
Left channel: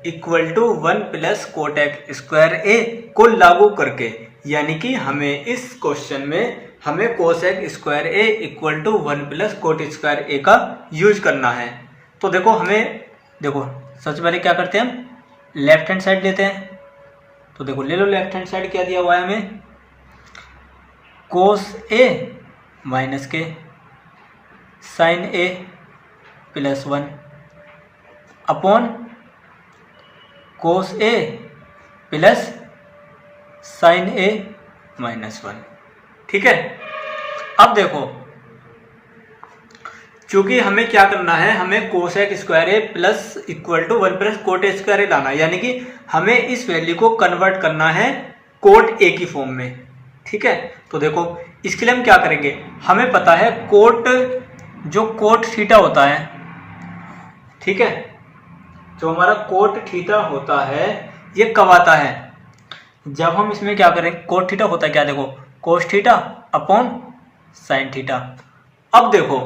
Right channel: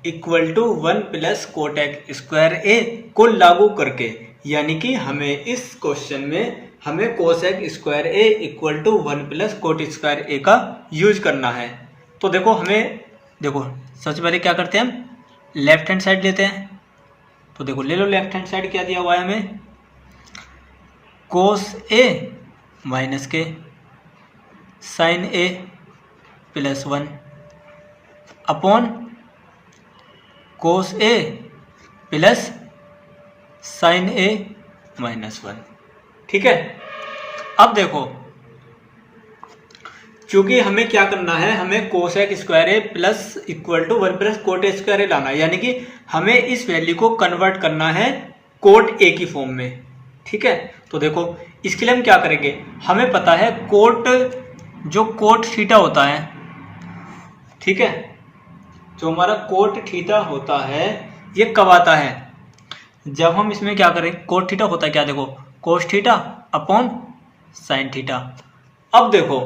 equal to 1 plus cot square a को लागू करके, यानी कि हमें इस क्वेश्चन में हमें cosec square a equal to 1 plus cot square a का यूज करना है। तो देखो सबसे पहले क्या करते हैं, हम लेफ्ट हैंड साइड लेते हैं। तो देखो ले लो लेफ्ट हैंड साइड, क्या दिया हुआ है हमें, कोस ए माइनस के sign a plus 1 upon cos a plus sine A minus 1। ठीक है, अब देखो चूंकि हमें क्या करना है, हमें cosec square a plus equal to 1 plus cot square a लाना है, यानी कि हमें इस वैल्यू को कन्वर्ट करना है कोट ए की फॉर्म में। ठीक है, तो देखो इसके लिए हम क्या करेंगे, हमें पता है जो कोट थीटा होता है, ठीक है, जो हमारा कोट थीटा होता है ये कब आता है, जब हम इसमें क्या करें, कोट थीटा होता है क्या, देखो cos theta upon sine theta. अब देखो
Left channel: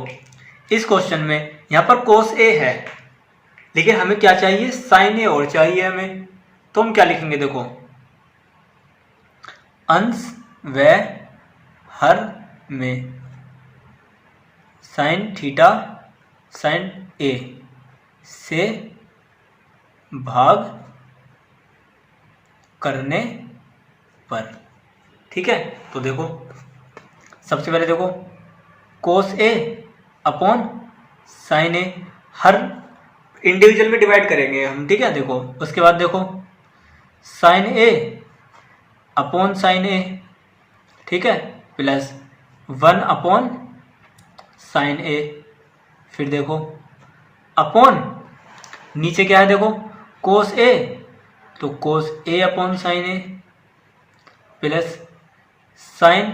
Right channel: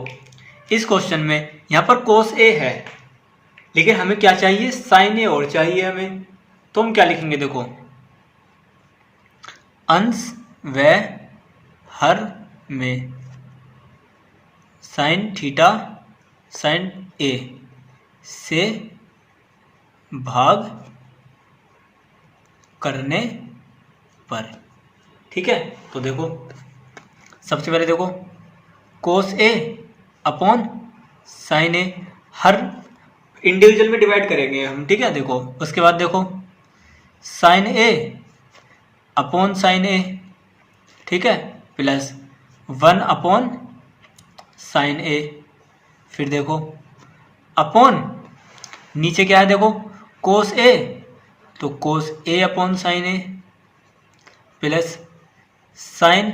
इस क्वेश्चन में यहाँ पर कोस ए है, लेकिन हमें क्या चाहिए, साइन ए और चाहिए हमें। तो हम क्या लिखेंगे, देखो अंश व हर में साइन थीटा साइन ए से भाग करने पर। ठीक है, तो देखो सबसे पहले देखो cos a upon sine A, her individual में डिवाइड करेंगे हम। ठीक है, देखो उसके बाद देखो साइन ए अपॉन साइन ए, ठीक है, प्लस 1 अपॉन साइन ए, फिर देखो अपॉन नीचे क्या है, देखो कोस ए, तो कोस a upon sine a plus sine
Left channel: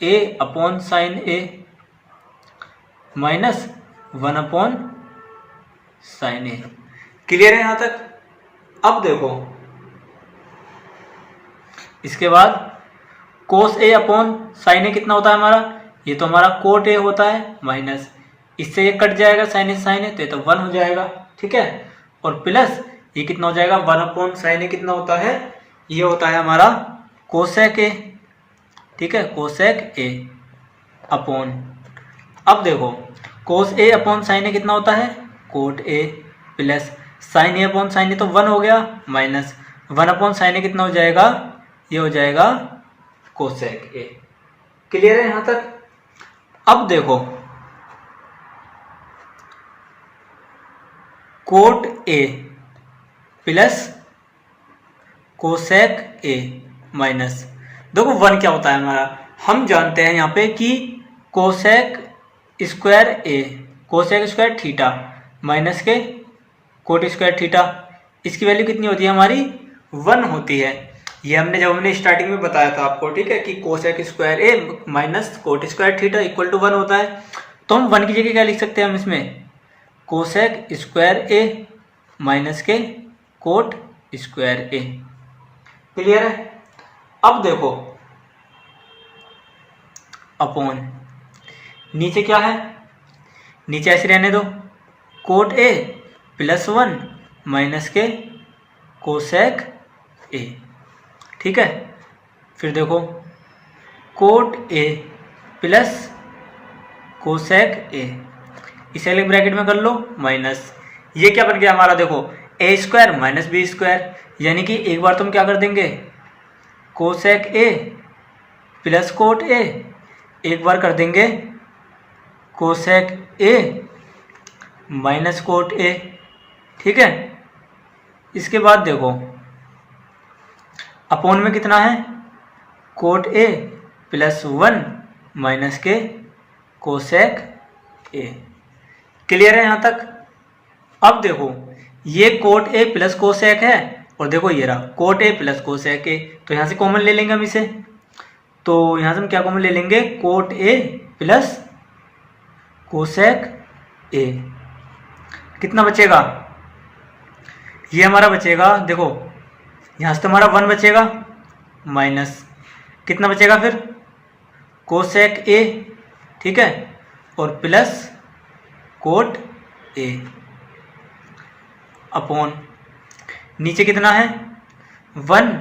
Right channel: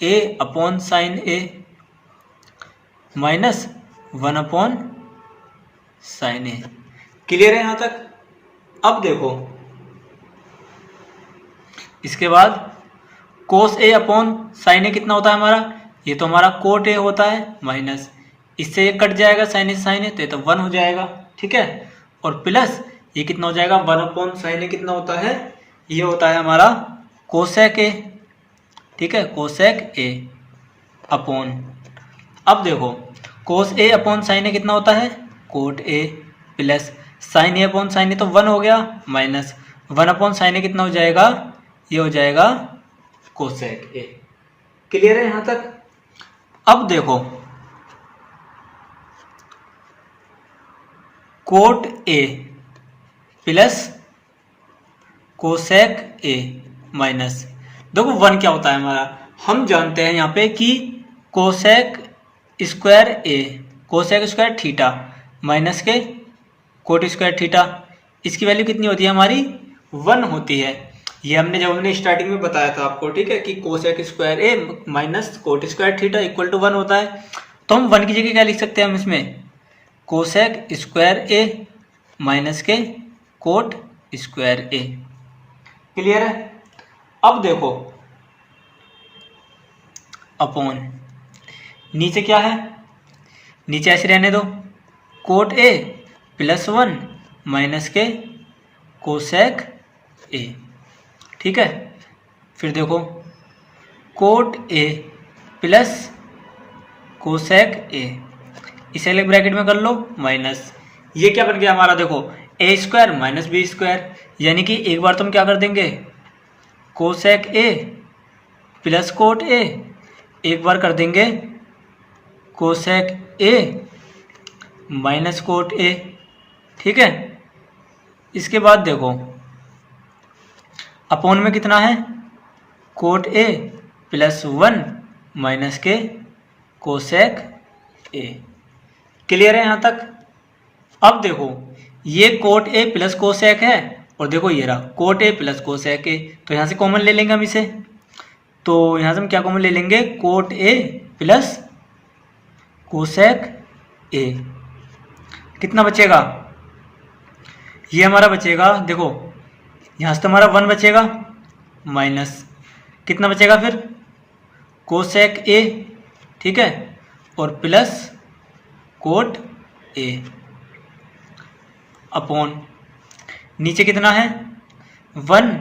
a upon sine A minus 1 upon sine A. Clear है यहाँ तक। अब देखो इसके बाद कोस ए अपॉन साइन ए कितना होता है हमारा, ये तो हमारा कोट ए होता है, माइनस इससे ये कट जाएगा साइन ए, तो ये तो 1 हो जाएगा। ठीक है, और प्लस ये कितना हो जाएगा, 1 अपॉन साइन ए कितना होता है, ये होता है हमारा कोसेक ए। ठीक है, कोसेक ए अपॉन, अब देखो कोस ए अपॉन साइन ए कितना होता है, cot a, plus sine a upon sine a तो 1 हो गया, माइनस 1 अपॉन साइन ए कितना हो जाएगा, ये हो जाएगा कोसेक ए। क्लियर है यहाँ तक। अब देखो coat a plus cosec a minus, देखो 1 क्या होता है हमारा, हम जानते हैं यहाँ पे कि कोसेक स्क्वायर थीटा माइनस के कोट स्क्वायर थीटा, इसकी वैल्यू कितनी होती है हमारी, 1 होती है। ये हमने स्टार्टिंग में बताया था आपको, ठीक है, कि cosec square a minus cot square theta equal to 1 होता है। तो हम 1 की जगह क्या लिख सकते हैं हम इसमें, कोसेक स्क्वायर ए माइनस के कोट स्क्वायर ए। क्लियर है। अब देखो अपॉन नीचे क्या है, नीचे ऐसे रहने दो, कोट ए प्लस 1 माइनस के कोसेक ए। ठीक है, फिर देखो कोट ए प्लस कोसेक ए, इसे अलग ब्रैकेट में कर लो, माइनस ये क्या बन गया हमारा, देखो ए स्क्वायर माइनस बी स्क्वायर, यानी कि एक बार तुम क्या कर देंगे, कोसेक ए प्लस कोट ए, एक बार कर देंगे cosec a minus cot A. ठीक है, इसके बाद देखो अपॉन में कितना है, कोट ए प्लस 1 माइनस के कोसेक ए। क्लियर है यहाँ तक। अब देखो ये कोट ए प्लस कोसेक है, और देखो ये रहा कोट ए प्लस कोसेक ए, तो यहाँ से कॉमन ले लेंगे हम इसे, तो यहाँ से हम क्या कॉमन ले लेंगे, कोट ए प्लस कोसेक ए, कितना बचेगा, ये हमारा बचेगा, देखो यहाँ से तो हमारा 1 बचेगा, माइनस कितना बचेगा फिर कोसेक ए, ठीक है, और प्लस कोट ए अपॉन नीचे कितना है 1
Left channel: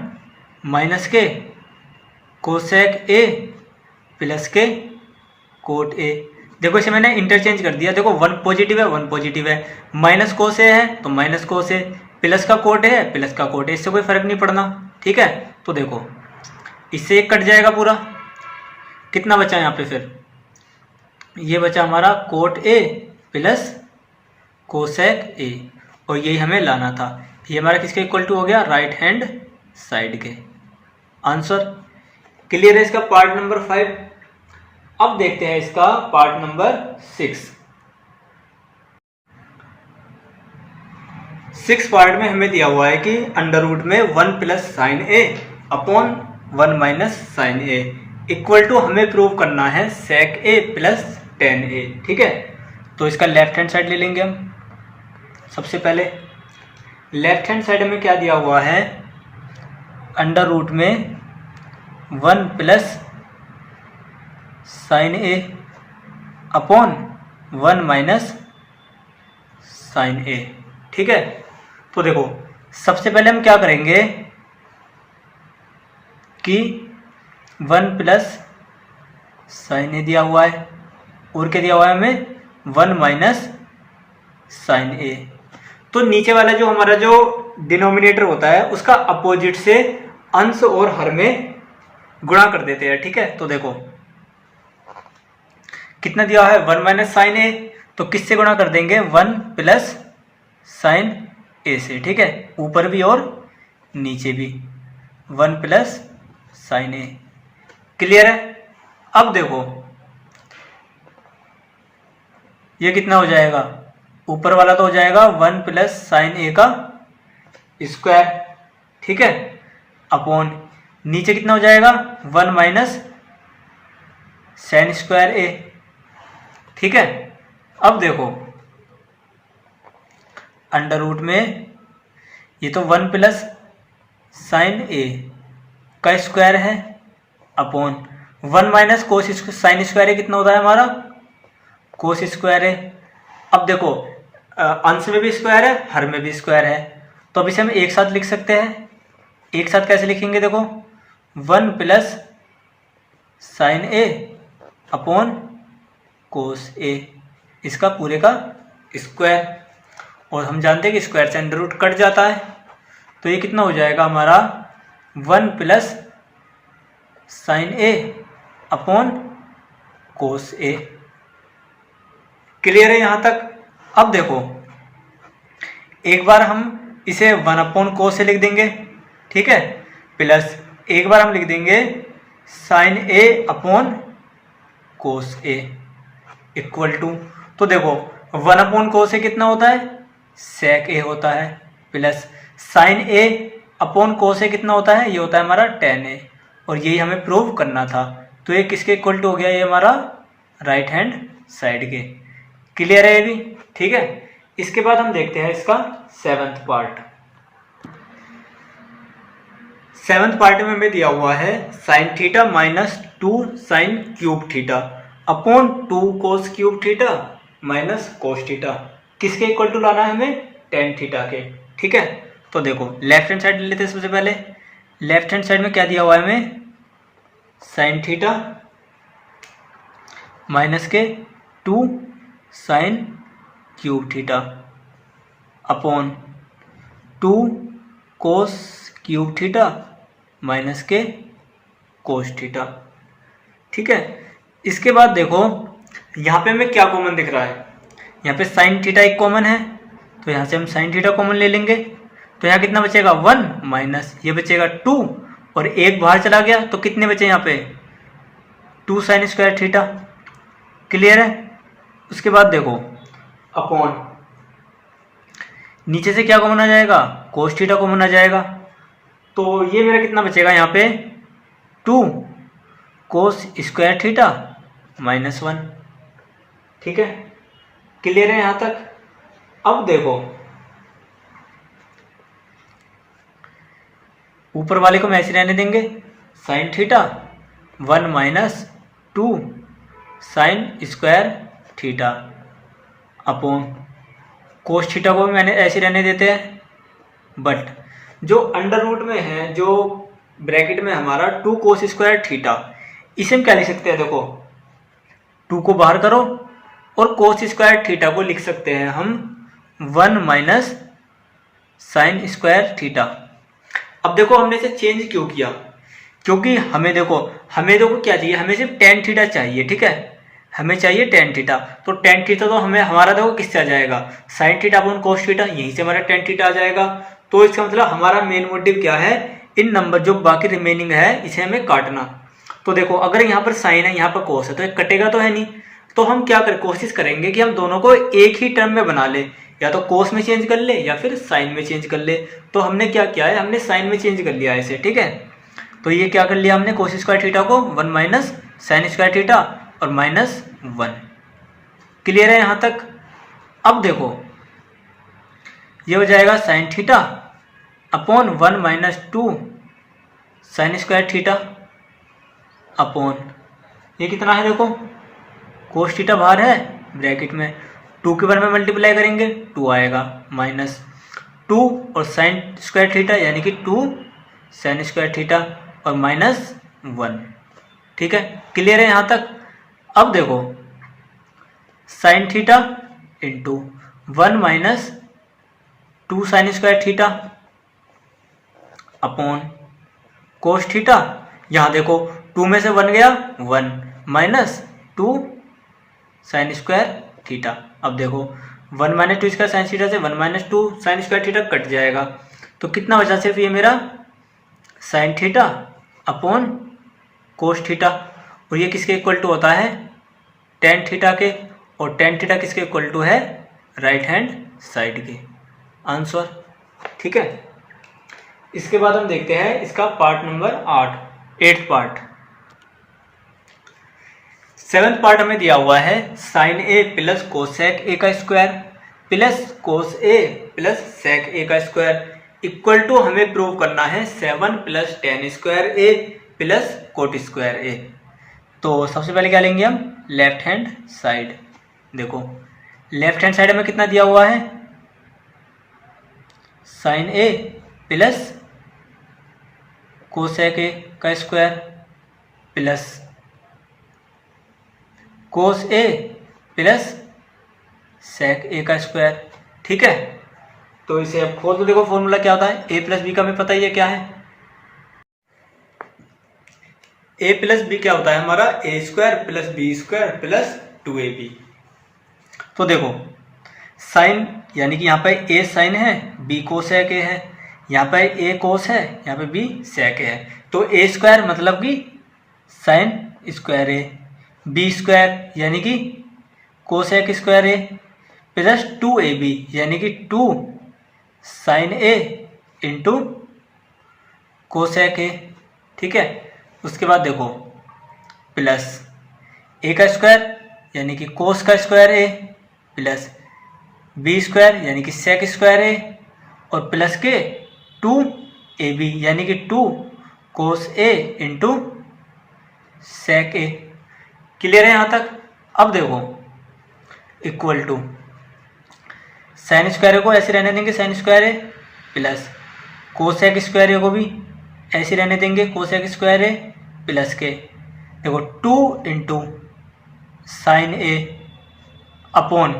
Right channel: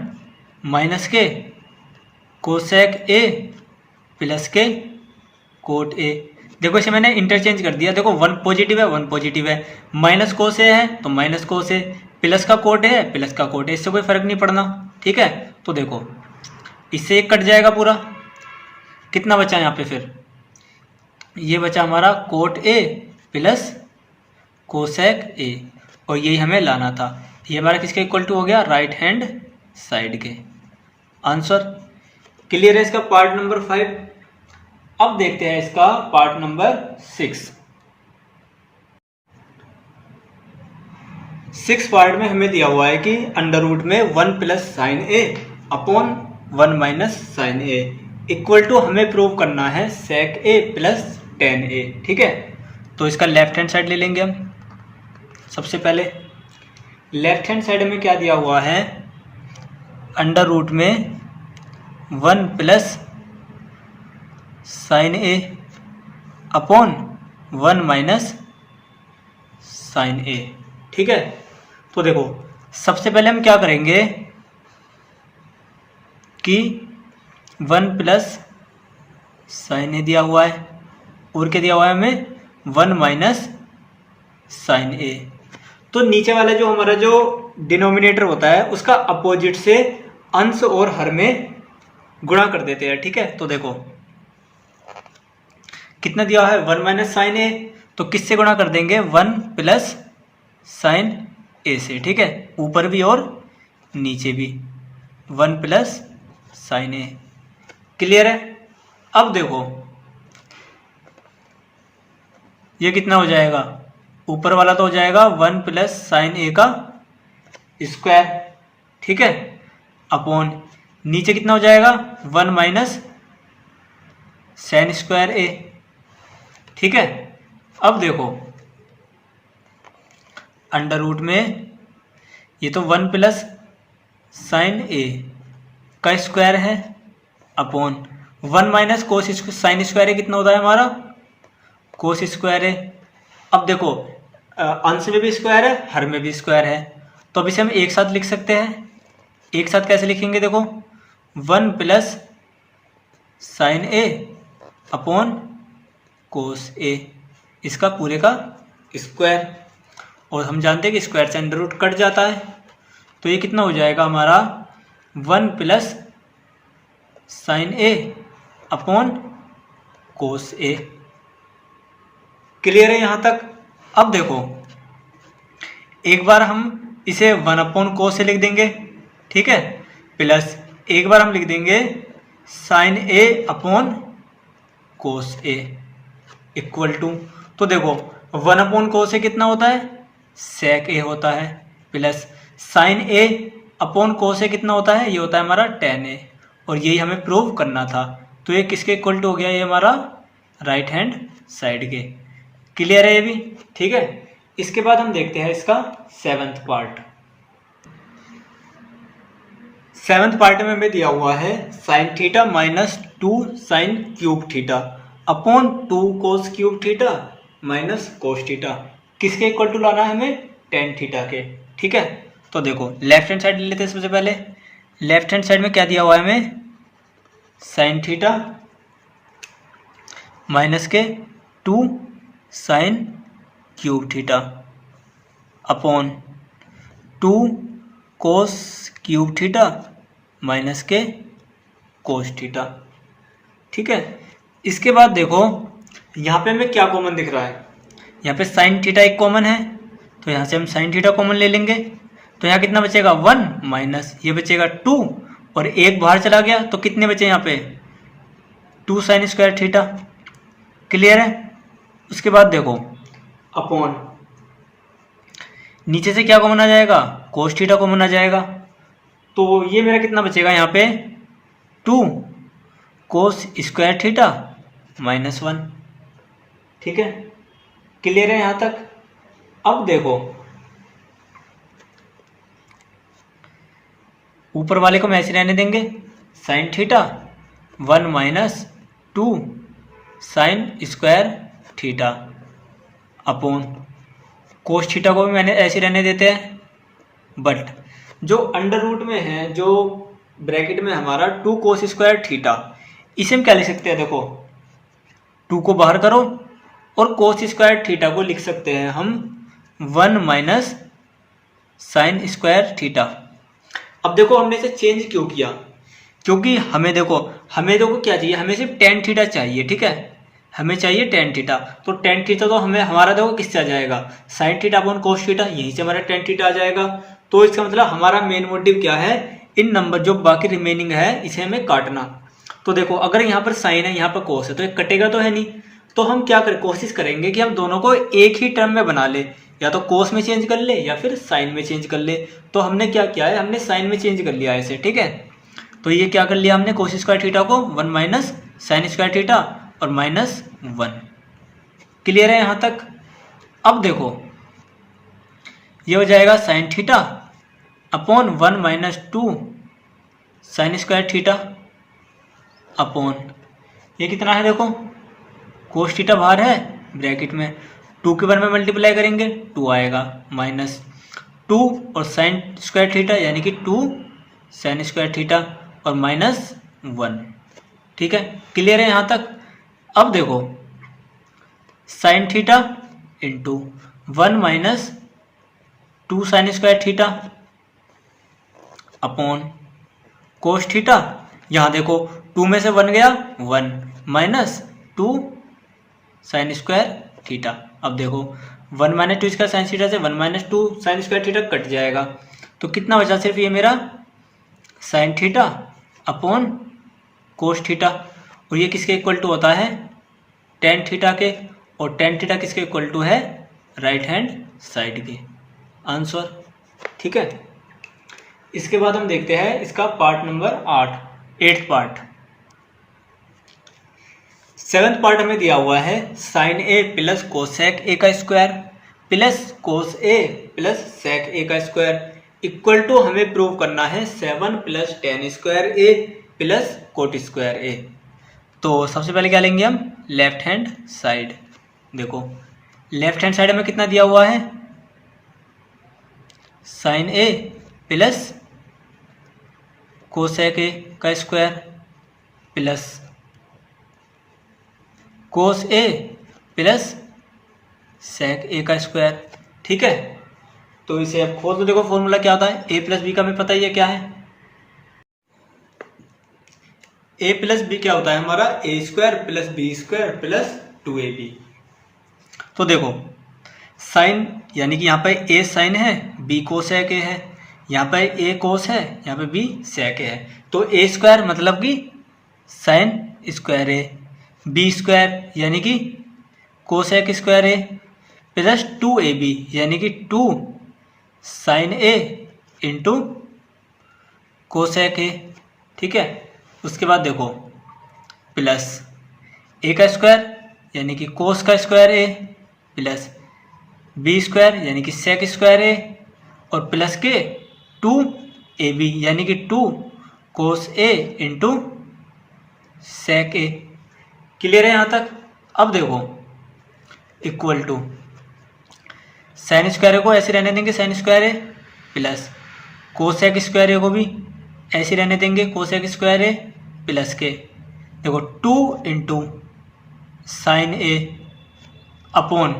माइनस के कोसेक ए प्लस के कोट ए। देखो इसे मैंने इंटरचेंज कर दिया, देखो 1 पॉजिटिव है 1 पॉजिटिव है, माइनस कोस ए है तो माइनस कोस ए, प्लस का कोट है प्लस का कोट ए, इससे कोई फर्क नहीं पड़ना। ठीक है, तो देखो इससे एक कट जाएगा पूरा, कितना बचा यहाँ पे, फिर ये बचा हमारा कोट ए प्लस कोसेक ए, और यही हमें लाना था। ये हमारा किसके इक्वल टू हो गया, राइट हैंड साइड के। आंसर क्लियर है इसका पार्ट नंबर 5। अब देखते हैं इसका पार्ट नंबर 6 पार्ट में हमें दिया हुआ है कि अंडर रूट में 1 plus sine a upon 1 minus sine a equal to हमें प्रूव करना है सेक ए प्लस टेन ए। ठीक है, तो इसका लेफ्ट हैंड साइड ले लेंगे हम। सबसे पहले लेफ्ट हैंड साइड में क्या दिया हुआ है, अंडर रूट में 1 plus sine a upon 1 minus sine ए। ठीक है, तो देखो सबसे पहले हम क्या करेंगे कि 1 प्लस साइन ए दिया हुआ है और क्या दिया हुआ है हमें 1 माइनस साइन ए, तो नीचे वाला जो हमारा जो डिनोमिनेटर होता है उसका अपोजिट से अंश और हर में गुणा कर देते हैं। ठीक है, तो देखो कितना दिया है 1 माइनस साइन ए, तो किससे गुणा कर देंगे 1 प्लस साइन ए से। ठीक है, ऊपर भी और नीचे भी 1 प्लस साइन ए। क्लियर है, अब देखो ये कितना हो जाएगा, ऊपर वाला तो हो जाएगा 1 प्लस साइन ए का स्क्वायर। ठीक है, अपॉन नीचे कितना हो जाएगा 1 माइनस साइन स्क्वायर ए। ठीक है, अब देखो अंडर रूट में ये तो 1 प्लस साइन ए का स्क्वायर है upon 1 minus cos sine square a कितना होता है हमारा कोस स्क्वायर है। अब देखो अंश में भी स्क्वायर है हर में भी स्क्वायर है, तो अब इसे हम एक साथ लिख सकते हैं। एक साथ कैसे लिखेंगे, देखो 1 plus sine a upon cos ए, इसका पूरे का स्क्वायर, और हम जानते हैं कि स्क्वायर से अंडर रूट कट जाता है, तो ये कितना हो जाएगा हमारा 1 plus sine a upon cos A. Clear है यहाँ तक। अब देखो एक बार हम इसे 1 अपॉन कोस ए लिख देंगे। ठीक है, प्लस एक बार हम लिख देंगे sine a upon cos a equal to, तो देखो 1 अपॉन कोस ए कितना होता है सेक ए होता है, plus sine a upon cos ए कितना होता है, ये होता है हमारा टेन ए, और यही हमें प्रूव करना था। तो ये किसके इक्वल टू हो गया, ये हमारा राइट हैंड साइड के। क्लियर है ये भी। ठीक है, इसके बाद हम देखते हैं इसका 7th पार्ट। 7th पार्ट में हमें दिया हुआ है sine theta minus 2 sine cube theta upon 2 cos cube theta minus cos theta, किसके इक्वल टू लाना है हमें टेन थीटा के। ठीक है, तो देखो लेफ्ट हैंड साइड ले लेते हैं। सबसे पहले लेफ्ट हैंड साइड में क्या दिया हुआ है हमें साइन थीटा माइनस के 2 sine cube theta upon 2 cos cube theta minus के कोस थीटा। ठीक है, इसके बाद देखो यहाँ पे हमें क्या कॉमन दिख रहा है, यहाँ पे साइन थीटा एक कॉमन है, तो यहाँ से हम साइन थीटा कॉमन ले लेंगे, तो यहाँ कितना बचेगा 1 माइनस ये बचेगा 2, और एक बाहर चला गया तो कितने बचे यहाँ पे 2 साइन स्क्वायर थीटा। क्लियर है। उसके बाद देखो अपॉन नीचे से क्या कॉमन आ जाएगा कोस थीटा कॉमन आ जाएगा, तो ये मेरा कितना बचेगा यहाँ पे 2 कोस स्क्वायर थीटा माइनस 1। ठीक है, क्लियर है यहाँ तक। अब देखो ऊपर वाले को हम ऐसे रहने देंगे sine theta 1 minus 2 sign square theta upon cos theta को भी मैंने ऐसे रहने देते हैं, बट जो अंडर रूट में है, जो ब्रैकेट में हमारा 2 कोस स्क्वायर थीटा, इसे हम क्या लिख सकते हैं, देखो 2 को बाहर करो और कोस स्क्वायर थीटा को लिख सकते हैं हम 1 माइनस साइन स्क्वायर थीटा। अब देखो हमने इसे चेंज क्यों किया, क्योंकि हमें देखो क्या चाहिए, हमें सिर्फ टेन थीटा चाहिए, ठीक है, हमें चाहिए टेन थीटा। तो टेन थीटा तो हमें हमारा देखो किससे आ जाएगा, sine theta upon cos theta, यहीं से हमारा टेन थीटा आ जाएगा। तो इसका मतलब हमारा मेन मोटिव क्या है, इन नंबर जो बाकी रिमेनिंग है इसे हमें काटना। तो देखो अगर यहाँ पर साइन है, यहाँ पर कोस है, तो ये कटेगा तो है नहीं, तो हम क्या कोशिश करेंगे कि हम दोनों को एक ही टर्म में बना ले, या तो कोस में चेंज कर ले या फिर साइन में चेंज कर ले। तो हमने क्या किया है, हमने साइन में चेंज कर लिया है इसे, ठीक है। तो ये क्या कर लिया हमने, कोस स्क्वायर थीटा को 1 माइनस साइन स्क्वायर थीटा और -1। क्लियर है यहाँ तक। अब देखो ये हो जाएगा sine theta upon 1 minus 2 sign square theta upon ये कितना है, देखो कोस थीटा बाहर है ब्रैकेट में, 2 के बारे में मल्टीप्लाई करेंगे 2 आएगा, -2 और साइन स्क्वायर थीटा यानी कि 2 साइन स्क्वायर थीटा और -1, ठीक है। क्लियर है यहाँ तक। अब देखो sign theta into 1 minus 2 sign square theta upon cos theta, यहाँ देखो 2 में से 1 गया 1 माइनस 2 साइन स्क्वायर थीटा। अब देखो 1 माइनस 2 स्क्वायर साइन थीटा से 1 minus 2 sign square theta cut जाएगा, तो कितना बचा सिर्फ ये मेरा sine theta upon cos theta, और ये किसके इक्वल टू होता है, टेन थीटा के, और टेन थीटा किसके इक्वल टू है, राइट हैंड साइड के। आंसर, ठीक है। इसके बाद हम देखते हैं इसका पार्ट नंबर 8 पार्ट। 7 पार्ट हमें दिया हुआ है sine a plus cosec a का square plus cos a plus sec a का स्क्वायर इक्वल टू हमें प्रूव करना है 7 plus tan square a plus cot square a. तो सबसे पहले क्या लेंगे हम, लेफ्ट हैंड साइड। देखो लेफ्ट हैंड साइड में कितना दिया हुआ है, sine a plus cosec a का square plus cos a plus sec a का स्क्वायर, ठीक है। तो इसे अब खोल दो, देखो फॉर्मूला क्या होता है, ए प्लस बी का हमें पता ही है क्या है, ए प्लस बी क्या होता है हमारा, a square plus b square plus 2ab। तो देखो साइन यानी कि यहाँ पर ए साइन है, बी कोसेक ए है, यहाँ पर ए कोस है, यहाँ पे बी सेक है। तो ए स्क्वायर मतलब कि साइन स्क्वायर ए, बी स्क्वायर यानी कि cosec square a plus 2ab यानी कि 2 sine a into cosec a, ठीक है। उसके बाद देखो प्लस ए का स्क्वायर यानी कि कोस का square a plus b square यानी कि सेक स्क्वायर ए और प्लस के 2ab यानी कि 2 कोस ए इंटू सेक ए। क्लियर है यहाँ तक। अब देखो equal to sine square a को ऐसे रहने देंगे sign square a plus cosec square a को भी ऐसे रहने देंगे कोसेक स्क्वायर ए प्लस के देखो 2 into sine a upon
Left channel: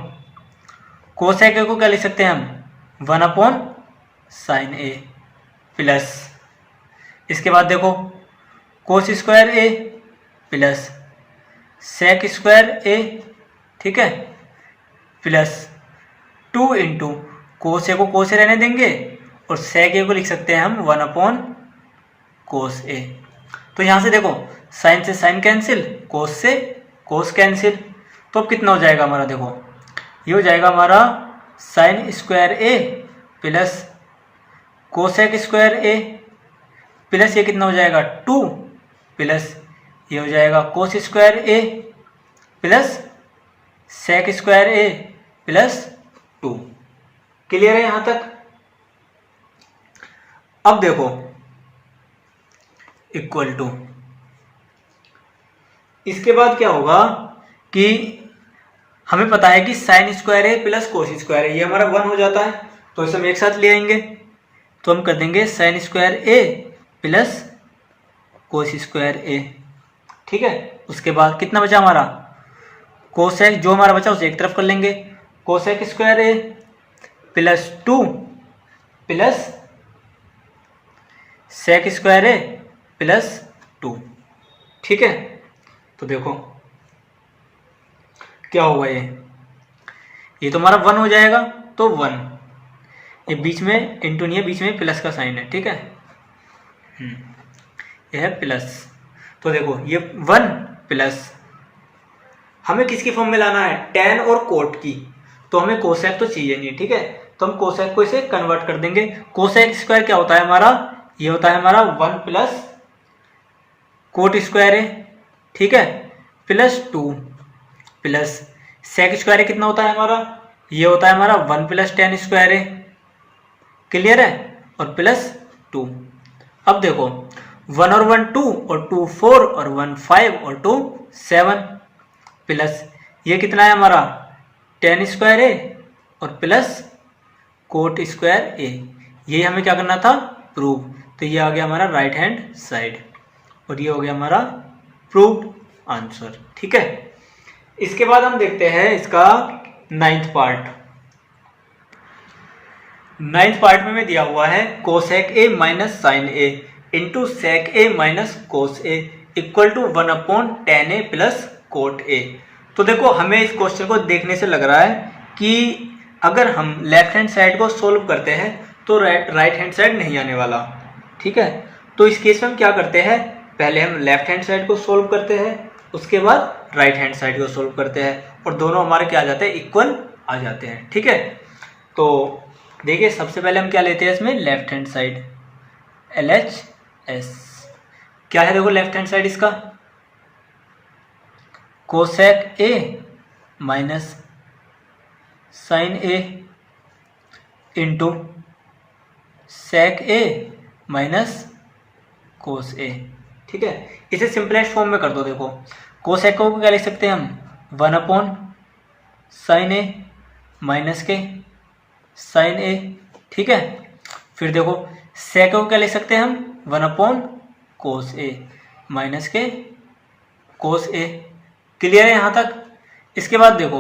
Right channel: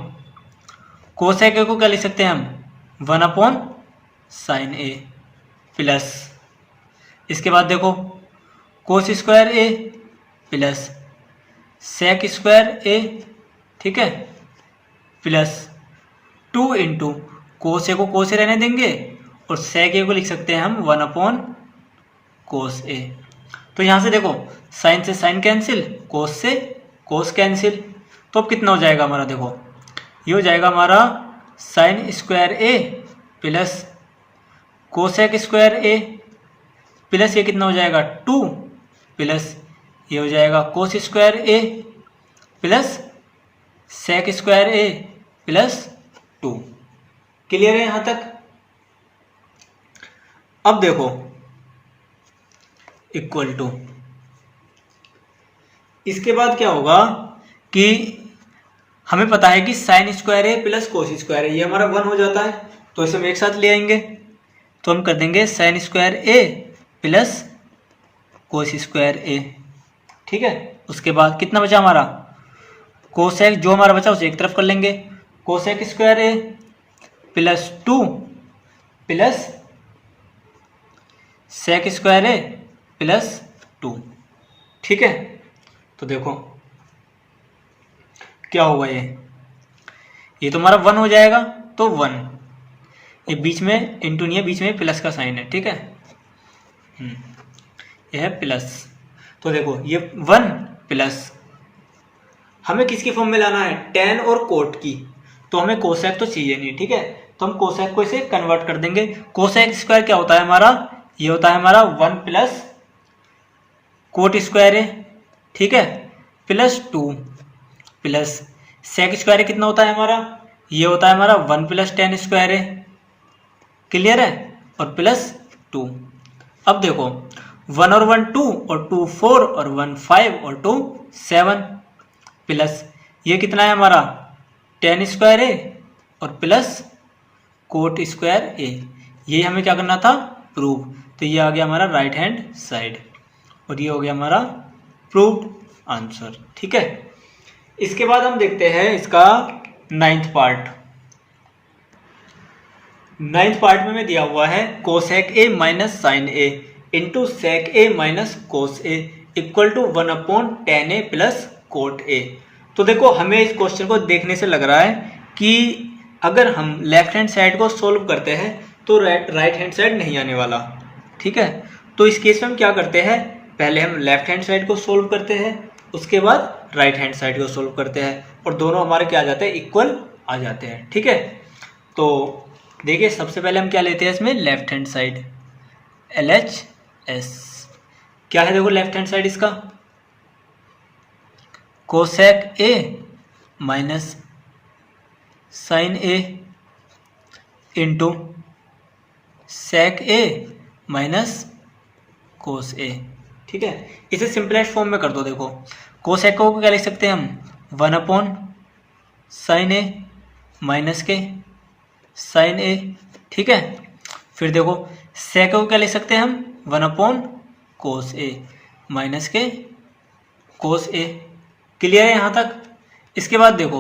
cosec ए को क्या लिख सकते हैं हम 1 अपॉन साइन ए प्लस इसके बाद देखो cos square a plus sec square ए, ठीक है, प्लस 2 इंटू कोस ए को कोस ए रहने देंगे और सेक ए को लिख सकते हैं हम 1 अपॉन कोस ए। तो यहाँ से देखो साइन से साइन कैंसिल, कोस से कोस कैंसिल, तो अब कितना हो जाएगा हमारा, देखो ये हो जाएगा हमारा sign square a plus cosec square a plus ये कितना हो जाएगा 2 प्लस ये हो जाएगा cos square a plus sec square a plus 2। Clear है यहाँ तक। अब देखो इक्वल टू इसके बाद क्या होगा कि हमें पता है कि sign square a plus cos square ए ये हमारा 1 हो जाता है, तो इसे हम एक साथ ले आएंगे, तो हम कर देंगे sign square a plus cos square ए। ठीक है, उसके बाद कितना बचा हमारा, कोसेक जो हमारा बचा उसे एक तरफ कर लेंगे, cosec square a plus 2 plus sec square a plus 2। ठीक है, तो देखो क्या होगा, ये तो हमारा 1 हो जाएगा, तो 1, ये बीच में इंटू नहीं है, बीच में प्लस का साइन है। ठीक है, यह है प्लस, तो देखो ये 1 प्लस, हमें किसकी फॉर्म में लाना है, टेन और कोट की, तो हमें कोसेक तो चाहिए नहीं। ठीक है, तो हम कोसेक को इसे कन्वर्ट कर देंगे। कोसेक स्क्वायर क्या होता है हमारा, ये होता है हमारा 1 प्लस कोट स्क्वायर है। ठीक है, प्लस 2 प्लस सेक स्क्वायर कितना होता है हमारा, ये होता है हमारा 1 प्लस टेन स्क्वायर है। क्लियर है, और प्लस 2। अब देखो 1 और 1 2 और 2 4 और 1 5 और 2 7 प्लस ये कितना है हमारा टेन स्क्वायर ए और प्लस कोट स्क्वायर ए। ये हमें क्या करना था, प्रूव। तो ये आ गया हमारा राइट हैंड साइड और ये हो गया हमारा प्रूव्ड आंसर। ठीक है, इसके बाद हम देखते हैं इसका 9th पार्ट। 9th पार्ट में दिया हुआ है cosec a minus sine a into sec a minus cos a equal to 1/tan a plus cot a. तो देखो हमें इस क्वेश्चन को देखने से लग रहा है कि अगर हम लेफ्ट हैंड साइड को सोल्व करते हैं तो राइट हैंड साइड नहीं आने वाला। ठीक है, तो इस केस में हम क्या करते हैं, पहले हम लेफ्ट हैंड साइड को सोल्व करते हैं, उसके बाद राइट हैंड साइड को सोल्व करते हैं और दोनों हमारे क्या आ जाते हैं, इक्वल आ जाते हैं। ठीक है, तो देखिए सबसे पहले हम क्या लेते हैं इसमें, लेफ्ट हैंड साइड LHS क्या है, देखो लेफ्ट हैंड साइड इसका cosec a minus sine a into sec a minus cos a. ठीक है, इसे सिंपलेस्ट फॉर्म में कर दो। देखो कोसेक को क्या लिख सकते हैं हम, 1/sin ए माइनस के साइन ए। ठीक है, फिर देखो सेक को क्या लिख सकते हैं हम, 1/cos ए माइनस के कोस ए। क्लियर है यहाँ तक। इसके बाद देखो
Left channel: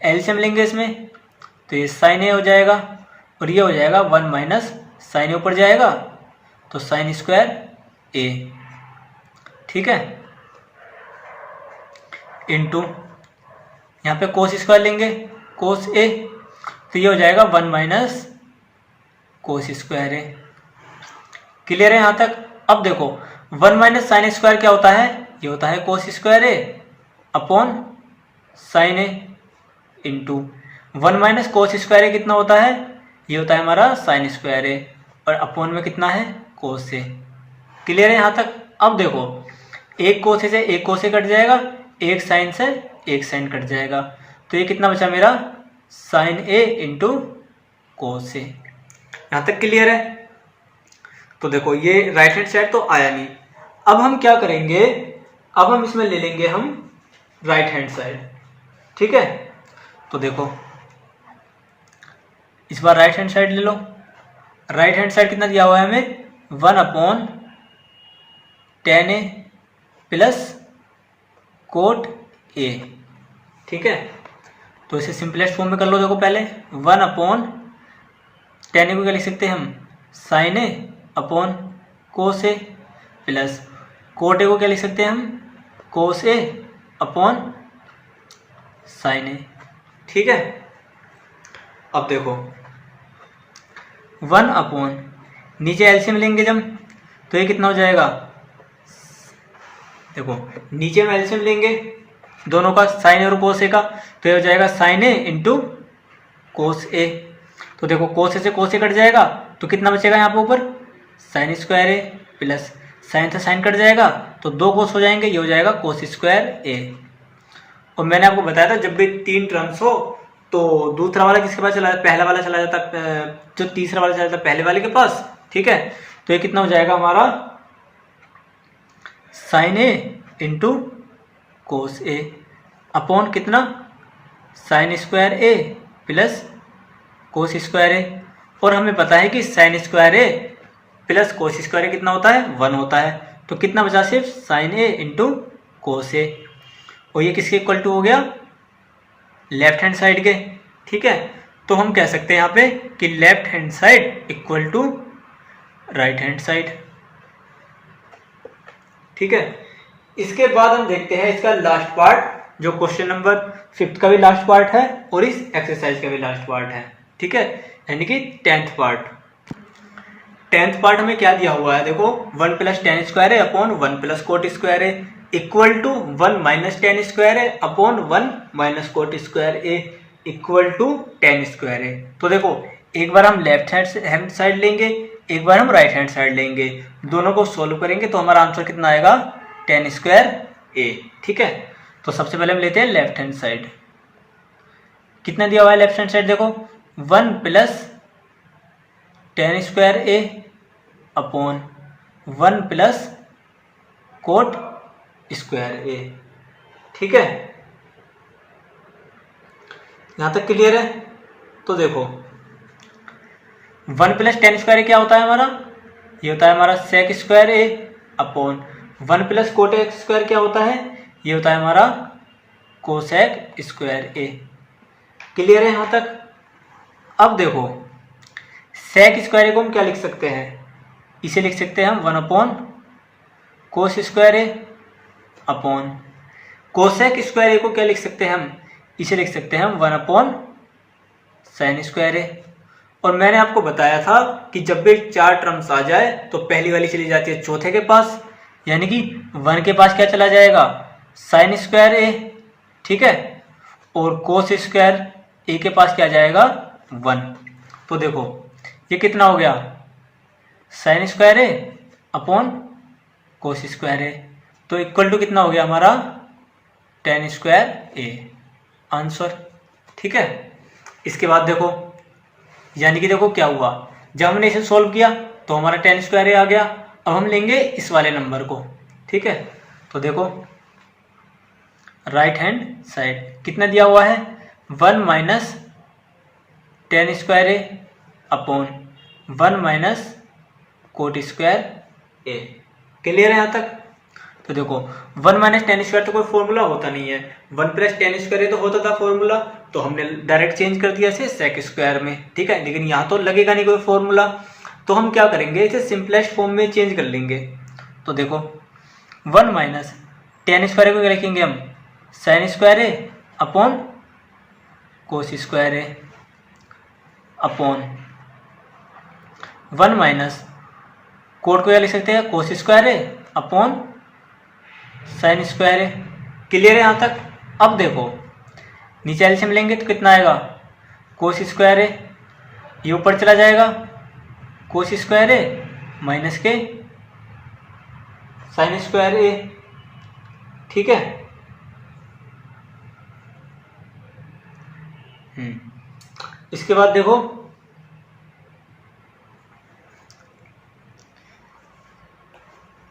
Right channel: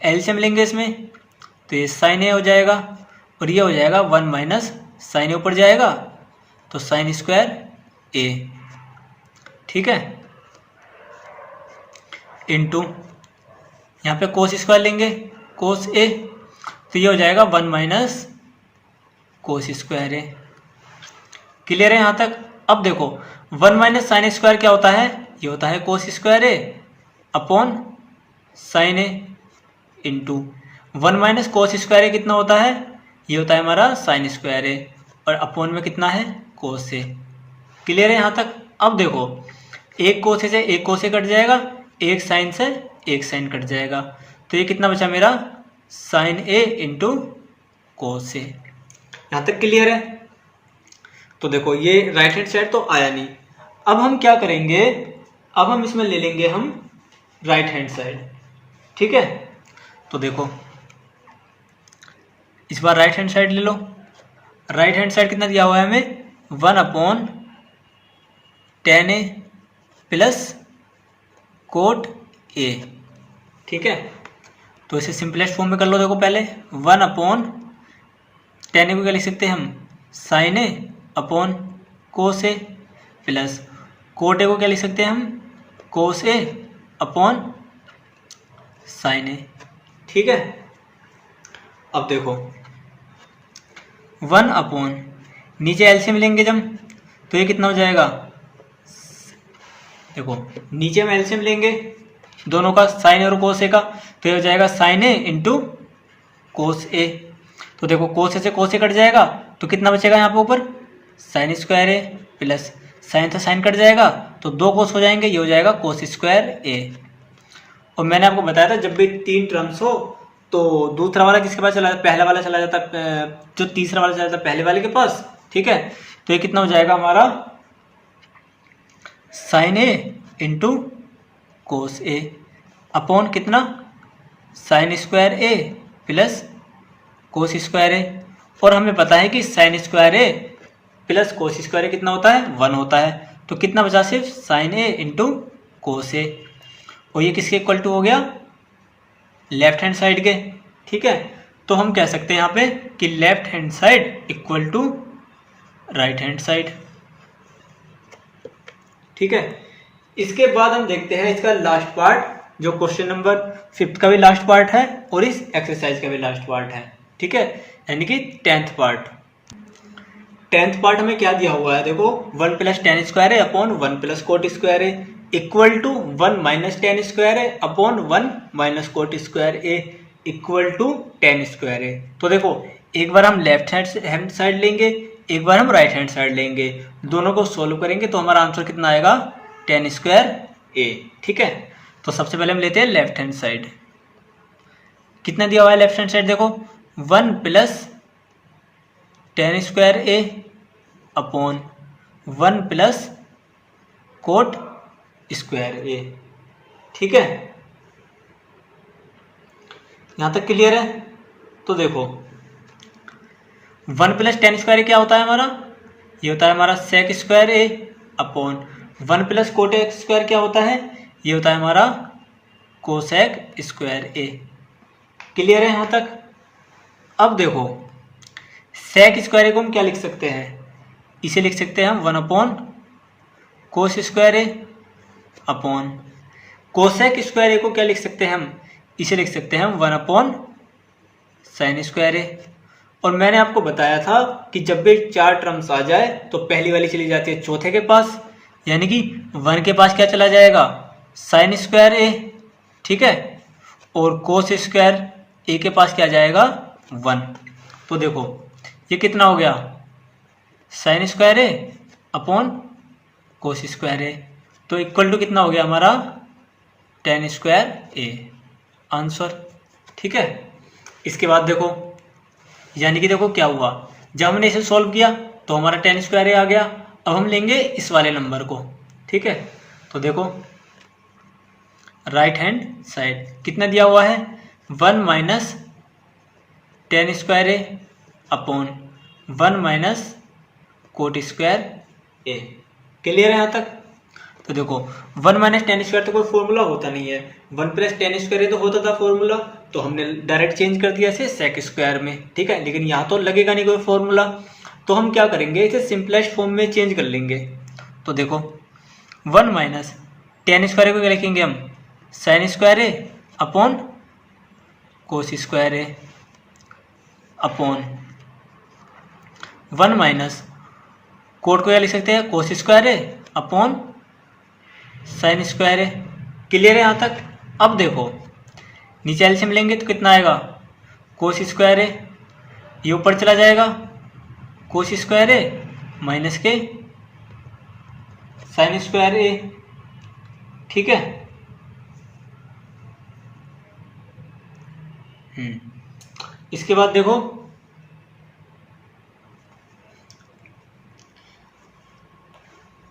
एलसीएम लेंगे इसमें, तो ये साइन ए हो जाएगा और ये हो जाएगा 1 माइनस साइन ए ऊपर जाएगा तो साइन स्क्वायर ए। ठीक है, इंटू यहाँ पे कोस स्क्वायर लेंगे कोस ए, तो ये हो जाएगा 1 माइनस कोस स्क्वायर ए। क्लियर है यहाँ तक। अब देखो 1 माइनस साइन स्क्वायर क्या होता है, ये होता है cos square A upon sine a into 1 minus cos square a कितना होता है, ये होता है हमारा साइन स्क्वायर ए और अपॉन में कितना है कोस ए। क्लियर है यहाँ तक। अब देखो एक कोस से एक कोस ए कट जाएगा, एक साइन से एक साइन कट जाएगा, तो ये कितना बचा मेरा साइन ए इंटू कोस ए। यहाँ तक क्लियर है। तो देखो ये राइट हैंड साइड तो आया नहीं। अब हम क्या करेंगे, अब हम इसमें ले लेंगे हम राइट हैंड साइड। ठीक है, तो देखो इस बार राइट हैंड साइड ले लो। राइट हैंड साइड कितना दिया हुआ है हमें, 1/tan ए प्लस कोट ए। ठीक है, तो इसे सिंपलेस्ट फॉर्म में कर लो। देखो पहले 1/tan ए को क्या लिख सकते हैं हम, sine a upon cos a plus cot a को क्या लिख सकते हैं हम, कोस ए अपॉन साइन ए। ठीक है, अब देखो 1/, नीचे एलसीएम लेंगे जब, तो ये कितना हो जाएगा, देखो नीचे में एलसीएम लेंगे दोनों का, साइन और कोस ए का, तो ये हो जाएगा साइन ए इंटू कोस ए। तो देखो कोस ए से कोस ए कट जाएगा, तो कितना बचेगा यहाँ पे ऊपर, sign square a plus sign से साइन कट जाएगा तो 2 कोस हो जाएंगे, ये हो जाएगा कोस स्क्वायर ए। और मैंने आपको बताया था जब भी 3 टर्म्स हो तो दूसरा वाला किसके पास चला जाता, पहला वाला चला जाता, जो तीसरा वाला चला जाता पहले वाले के पास। ठीक है, तो ये कितना हो जाएगा हमारा sign a into cos a upon कितना sign square a plus cos square ए। और हमें पता है कि sign square a plus cos square a कितना होता है, 1 होता है। तो कितना बचा, सिर्फ साइन ए इंटू कोस ए, और ये किसके इक्वल टू हो गया, लेफ्ट हैंड साइड के। ठीक है, तो हम कह सकते हैं यहाँ पे कि left hand side equal to right hand side. ठीक है, इसके बाद हम देखते हैं इसका लास्ट पार्ट, जो क्वेश्चन नंबर 5 का भी लास्ट पार्ट है और इस एक्सरसाइज का भी लास्ट पार्ट है। ठीक है, यानी कि 10th पार्ट। 10th पार्ट हमें क्या दिया हुआ है, देखो 1 प्लस टेन स्क्वायर है अपॉन 1 प्लस कोट स्क्वायर है equal to 1 minus tan square है upon 1 minus cot square a equal to 10 square है। तो देखो एक बार हम लेफ्ट हैंड साइड लेंगे, एक बार हम राइट हैंड साइड लेंगे, दोनों को सोल्व करेंगे तो हमारा आंसर कितना आएगा, 10 स्क्वायर ए। ठीक है, तो सबसे पहले हम लेते हैं लेफ्ट हैंड साइड। कितना दिया हुआ है लेफ्ट हैंड साइड, देखो 1 प्लस टेन स्क्वायर ए अपॉन 1 प्लस कोट स्क्वायर ए। ठीक है, यहां तक क्लियर है। तो देखो 1 प्लस टेन स्क्वायर क्या होता है हमारा, ये होता है हमारा सेक स्क्वायर ए अपॉन 1 प्लस कोट स्क्वायर क्या होता है, ये होता है हमारा कोसेक स्क्वायर ए। क्लियर है यहां तक। अब देखो सेक स्क्वायर ए को हम क्या लिख सकते हैं, इसे लिख सकते हैं हम 1 upon cos square A upon cosec square a को क्या लिख सकते हैं हम, इसे लिख सकते हैं हम 1 अपॉन साइन स्क्वायर ए। और मैंने आपको बताया था कि जब भी 4 टर्म्स आ जाए तो पहली वाली चली जाती है चौथे के पास, यानी कि 1 के पास क्या चला जाएगा, साइन स्क्वायर ए। ठीक है, और कोस स्क्वायर ए के पास क्या जाएगा, 1। तो देखो ये कितना हो गया, sign square A upon cos square a, तो इक्वल टू कितना हो गया हमारा 10 स्क्वायर ए आंसर। ठीक है, इसके बाद देखो यानी कि देखो क्या हुआ, जब हमने इसे सॉल्व किया तो हमारा 10 स्क्वायर ए आ गया। अब हम लेंगे इस वाले नंबर को। ठीक है, तो देखो राइट हैंड साइड कितना दिया हुआ है, 1 माइनस टेन स्क्वायर ए अपॉन 1 माइनस कोट स्क्वायर ए। क्लियर है यहाँ तक। तो देखो 1 माइनस टेन स्क्वायर तो कोई फॉर्मूला होता नहीं है, 1 प्लस टेन स्क्वायर तो होता था फॉर्मूला, तो हमने डायरेक्ट चेंज कर दिया इसे सेक स्क्वायर में। ठीक है, लेकिन यहाँ तो लगेगा नहीं कोई फॉर्मूला, तो हम क्या करेंगे, इसे सिंपलेस्ट फॉर्म में चेंज कर लेंगे। तो देखो 1 माइनस टेन स्क्वायर को क्या लिखेंगे हम, साइन स्क्वायर ए अपॉन कोस स्क्वायर ए अपॉन 1 माइनस कोट को क्या लिख सकते हैं, कोस स्क्वायर ए अपॉन साइन स्क्वायर ए। क्लियर है यहाँ तक। अब देखो नीचे एलसीएम लेंगे तो कितना आएगा, कोस स्क्वायर ए, ये ऊपर चला जाएगा कोस स्क्वायर ए माइनस के साइन स्क्वायर ए। ठीक है, इसके बाद देखो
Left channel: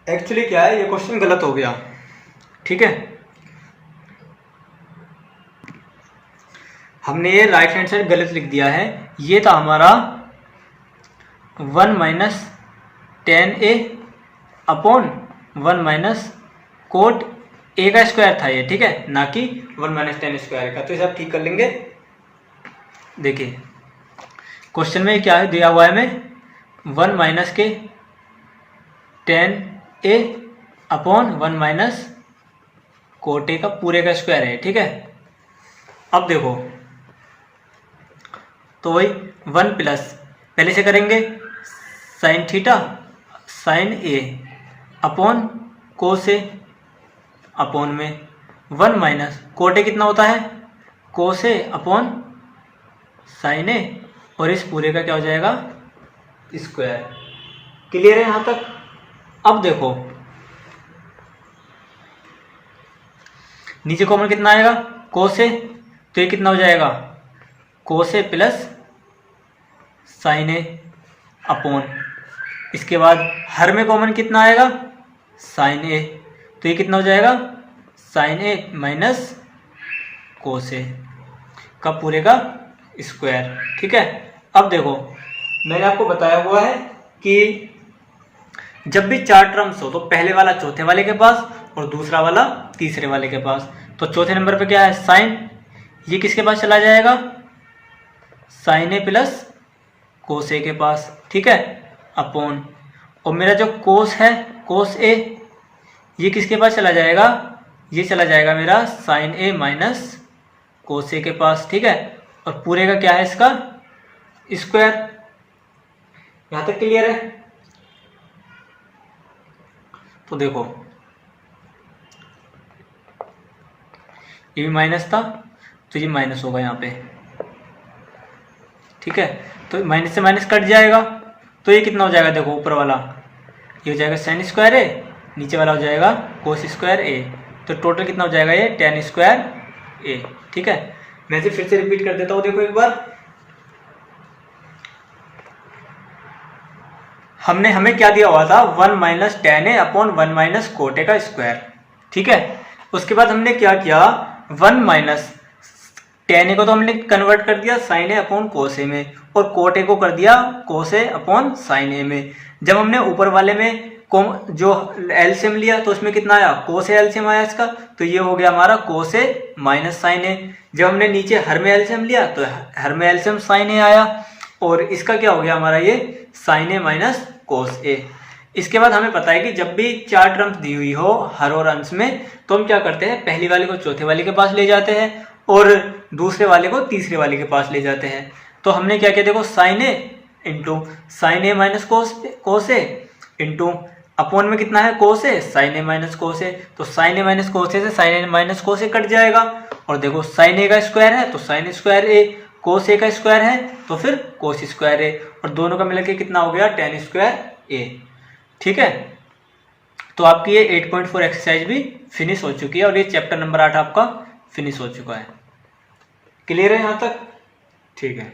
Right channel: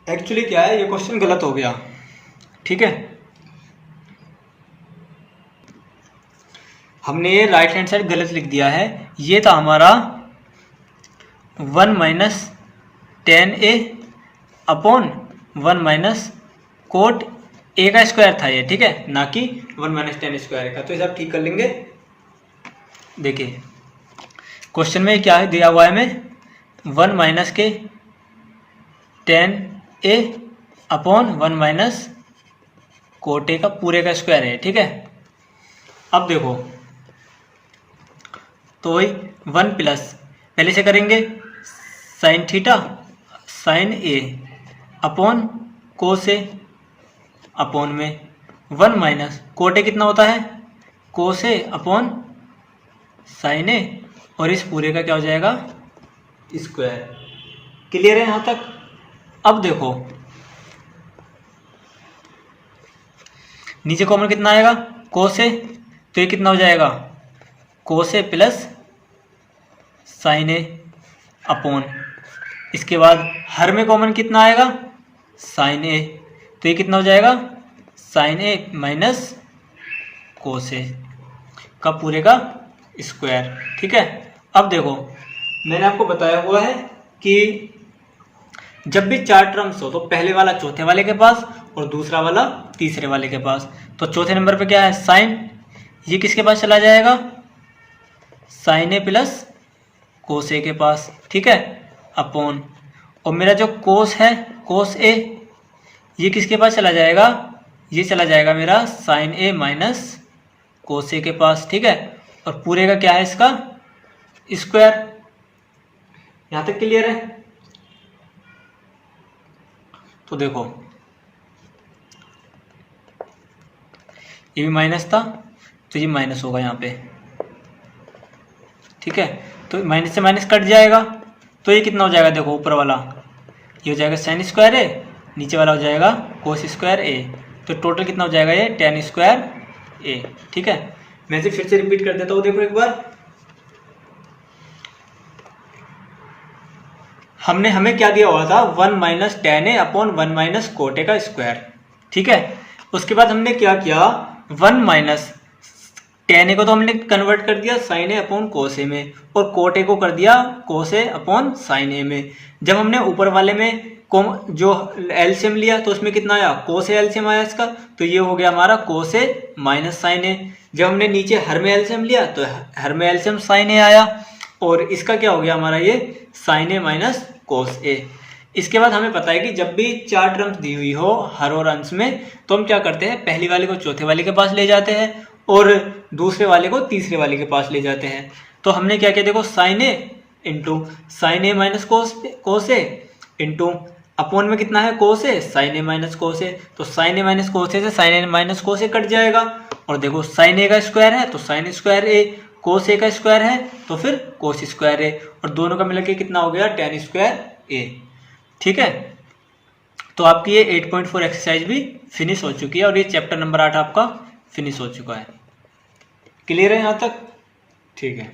एक्चुअली क्या है, ये क्वेश्चन गलत हो गया। ठीक है, हमने ये राइट हैंड साइड गलत लिख दिया है। ये था हमारा 1 minus ten A upon 1 minus cot A का स्क्वायर था ये। ठीक है, ना कि 1 माइनस टेन स्क्वायर का। तो इसे आप ठीक कर लेंगे। देखिए क्वेश्चन में क्या दिया हुआ है हमें, 1 माइनस के ten A upon 1 minus cot A का पूरे का स्क्वायर है। ठीक है, अब देखो तो वही 1 प्लस पहले से करेंगे sine theta sine a upon cos a upon में 1 माइनस कोट ए कितना होता है, कोस ए अपॉन साइन ए, और इस पूरे का क्या हो जाएगा, स्क्वायर। क्लियर है यहाँ तक। अब देखो नीचे कॉमन कितना आएगा, कोस ए, तो ये कितना हो जाएगा, कोस a plus sine a upon, इसके बाद हर में कॉमन कितना आएगा, साइन ए, तो ये कितना हो जाएगा, साइन ए माइनस कोस ए का पूरे का स्क्वायर। ठीक है, अब देखो मैंने आपको बताया हुआ है कि जब भी चार टर्म्स हो तो पहले वाला चौथे वाले के पास और दूसरा वाला तीसरे वाले के पास। तो चौथे नंबर पे क्या है साइन, ये किसके पास चला जाएगा, साइन ए प्लस कोस ए के पास, ठीक है, अपॉन, और मेरा जो कोस है कोस ए, ये किसके पास चला जाएगा, ये चला जाएगा मेरा साइन ए माइनस कोस ए के पास, ठीक है। और पूरे का क्या है इसका स्क्वायर। यहां तक क्लियर है। तो देखो ये भी माइनस था तो ये माइनस होगा यहाँ पे, ठीक है। तो माइनस से माइनस कट जाएगा तो ये कितना हो जाएगा, देखो ऊपर वाला ये हो जाएगा साइन स्क्वायर ए, नीचे वाला हो जाएगा कोस स्क्वायर ए, तो टोटल कितना हो जाएगा ये टेन स्क्वायर ए, ठीक है। मैं इसे फिर से रिपीट कर देता हूँ, देखो एक बार। हमें क्या दिया हुआ था, 1 minus ten A upon 1 minus cot A का स्क्वायर, ठीक है। उसके बाद हमने क्या किया, 1 माइनस टेन ए को तो हमने कन्वर्ट कर दिया साइन ए अपॉन कोस ए में, और कोट ए को कर दिया कोस ए अपॉन साइन ए में। जब हमने ऊपर वाले में जो एलसीएम लिया तो उसमें कितना आया, कोस ए एलसीएम आया इसका, तो ये हो गया हमारा कोस ए माइनस साइन ए। जब हमने नीचे हर में एलसीएम लिया तो हर में एलसीएम साइन ए आया, और इसका क्या हो गया हमारा ये साइन ए माइनस कोस ए। इसके बाद हमें पता है कि जब भी चार टर्म्स दी हुई हो हर और अंश में, तो हम क्या करते हैं, पहली वाले को चौथे वाले के पास ले जाते हैं और दूसरे वाले को तीसरे वाले के पास ले जाते हैं। तो हमने क्या किया, देखो sign a into sine A minus cos A into upon में कितना है कोस ए, साइन ए माइनस कोस ए, तो साइन ए माइनस कोस ए से साइन ए माइनस कोस ए कट जाएगा, और देखो साइन ए का स्क्वायर है तो साइन स्क्वायर ए, कोस ए का स्क्वायर है तो फिर कोस स्क्वायर ए, और दोनों का मिलकर कितना हो गया टेन स्क्वायर ए, ठीक है। तो आपकी ये 8.4 एक्सरसाइज भी फिनिश हो चुकी है और ये चैप्टर नंबर 8 आपका फिनिश हो चुका है। क्लियर है यहाँ तक, ठीक है।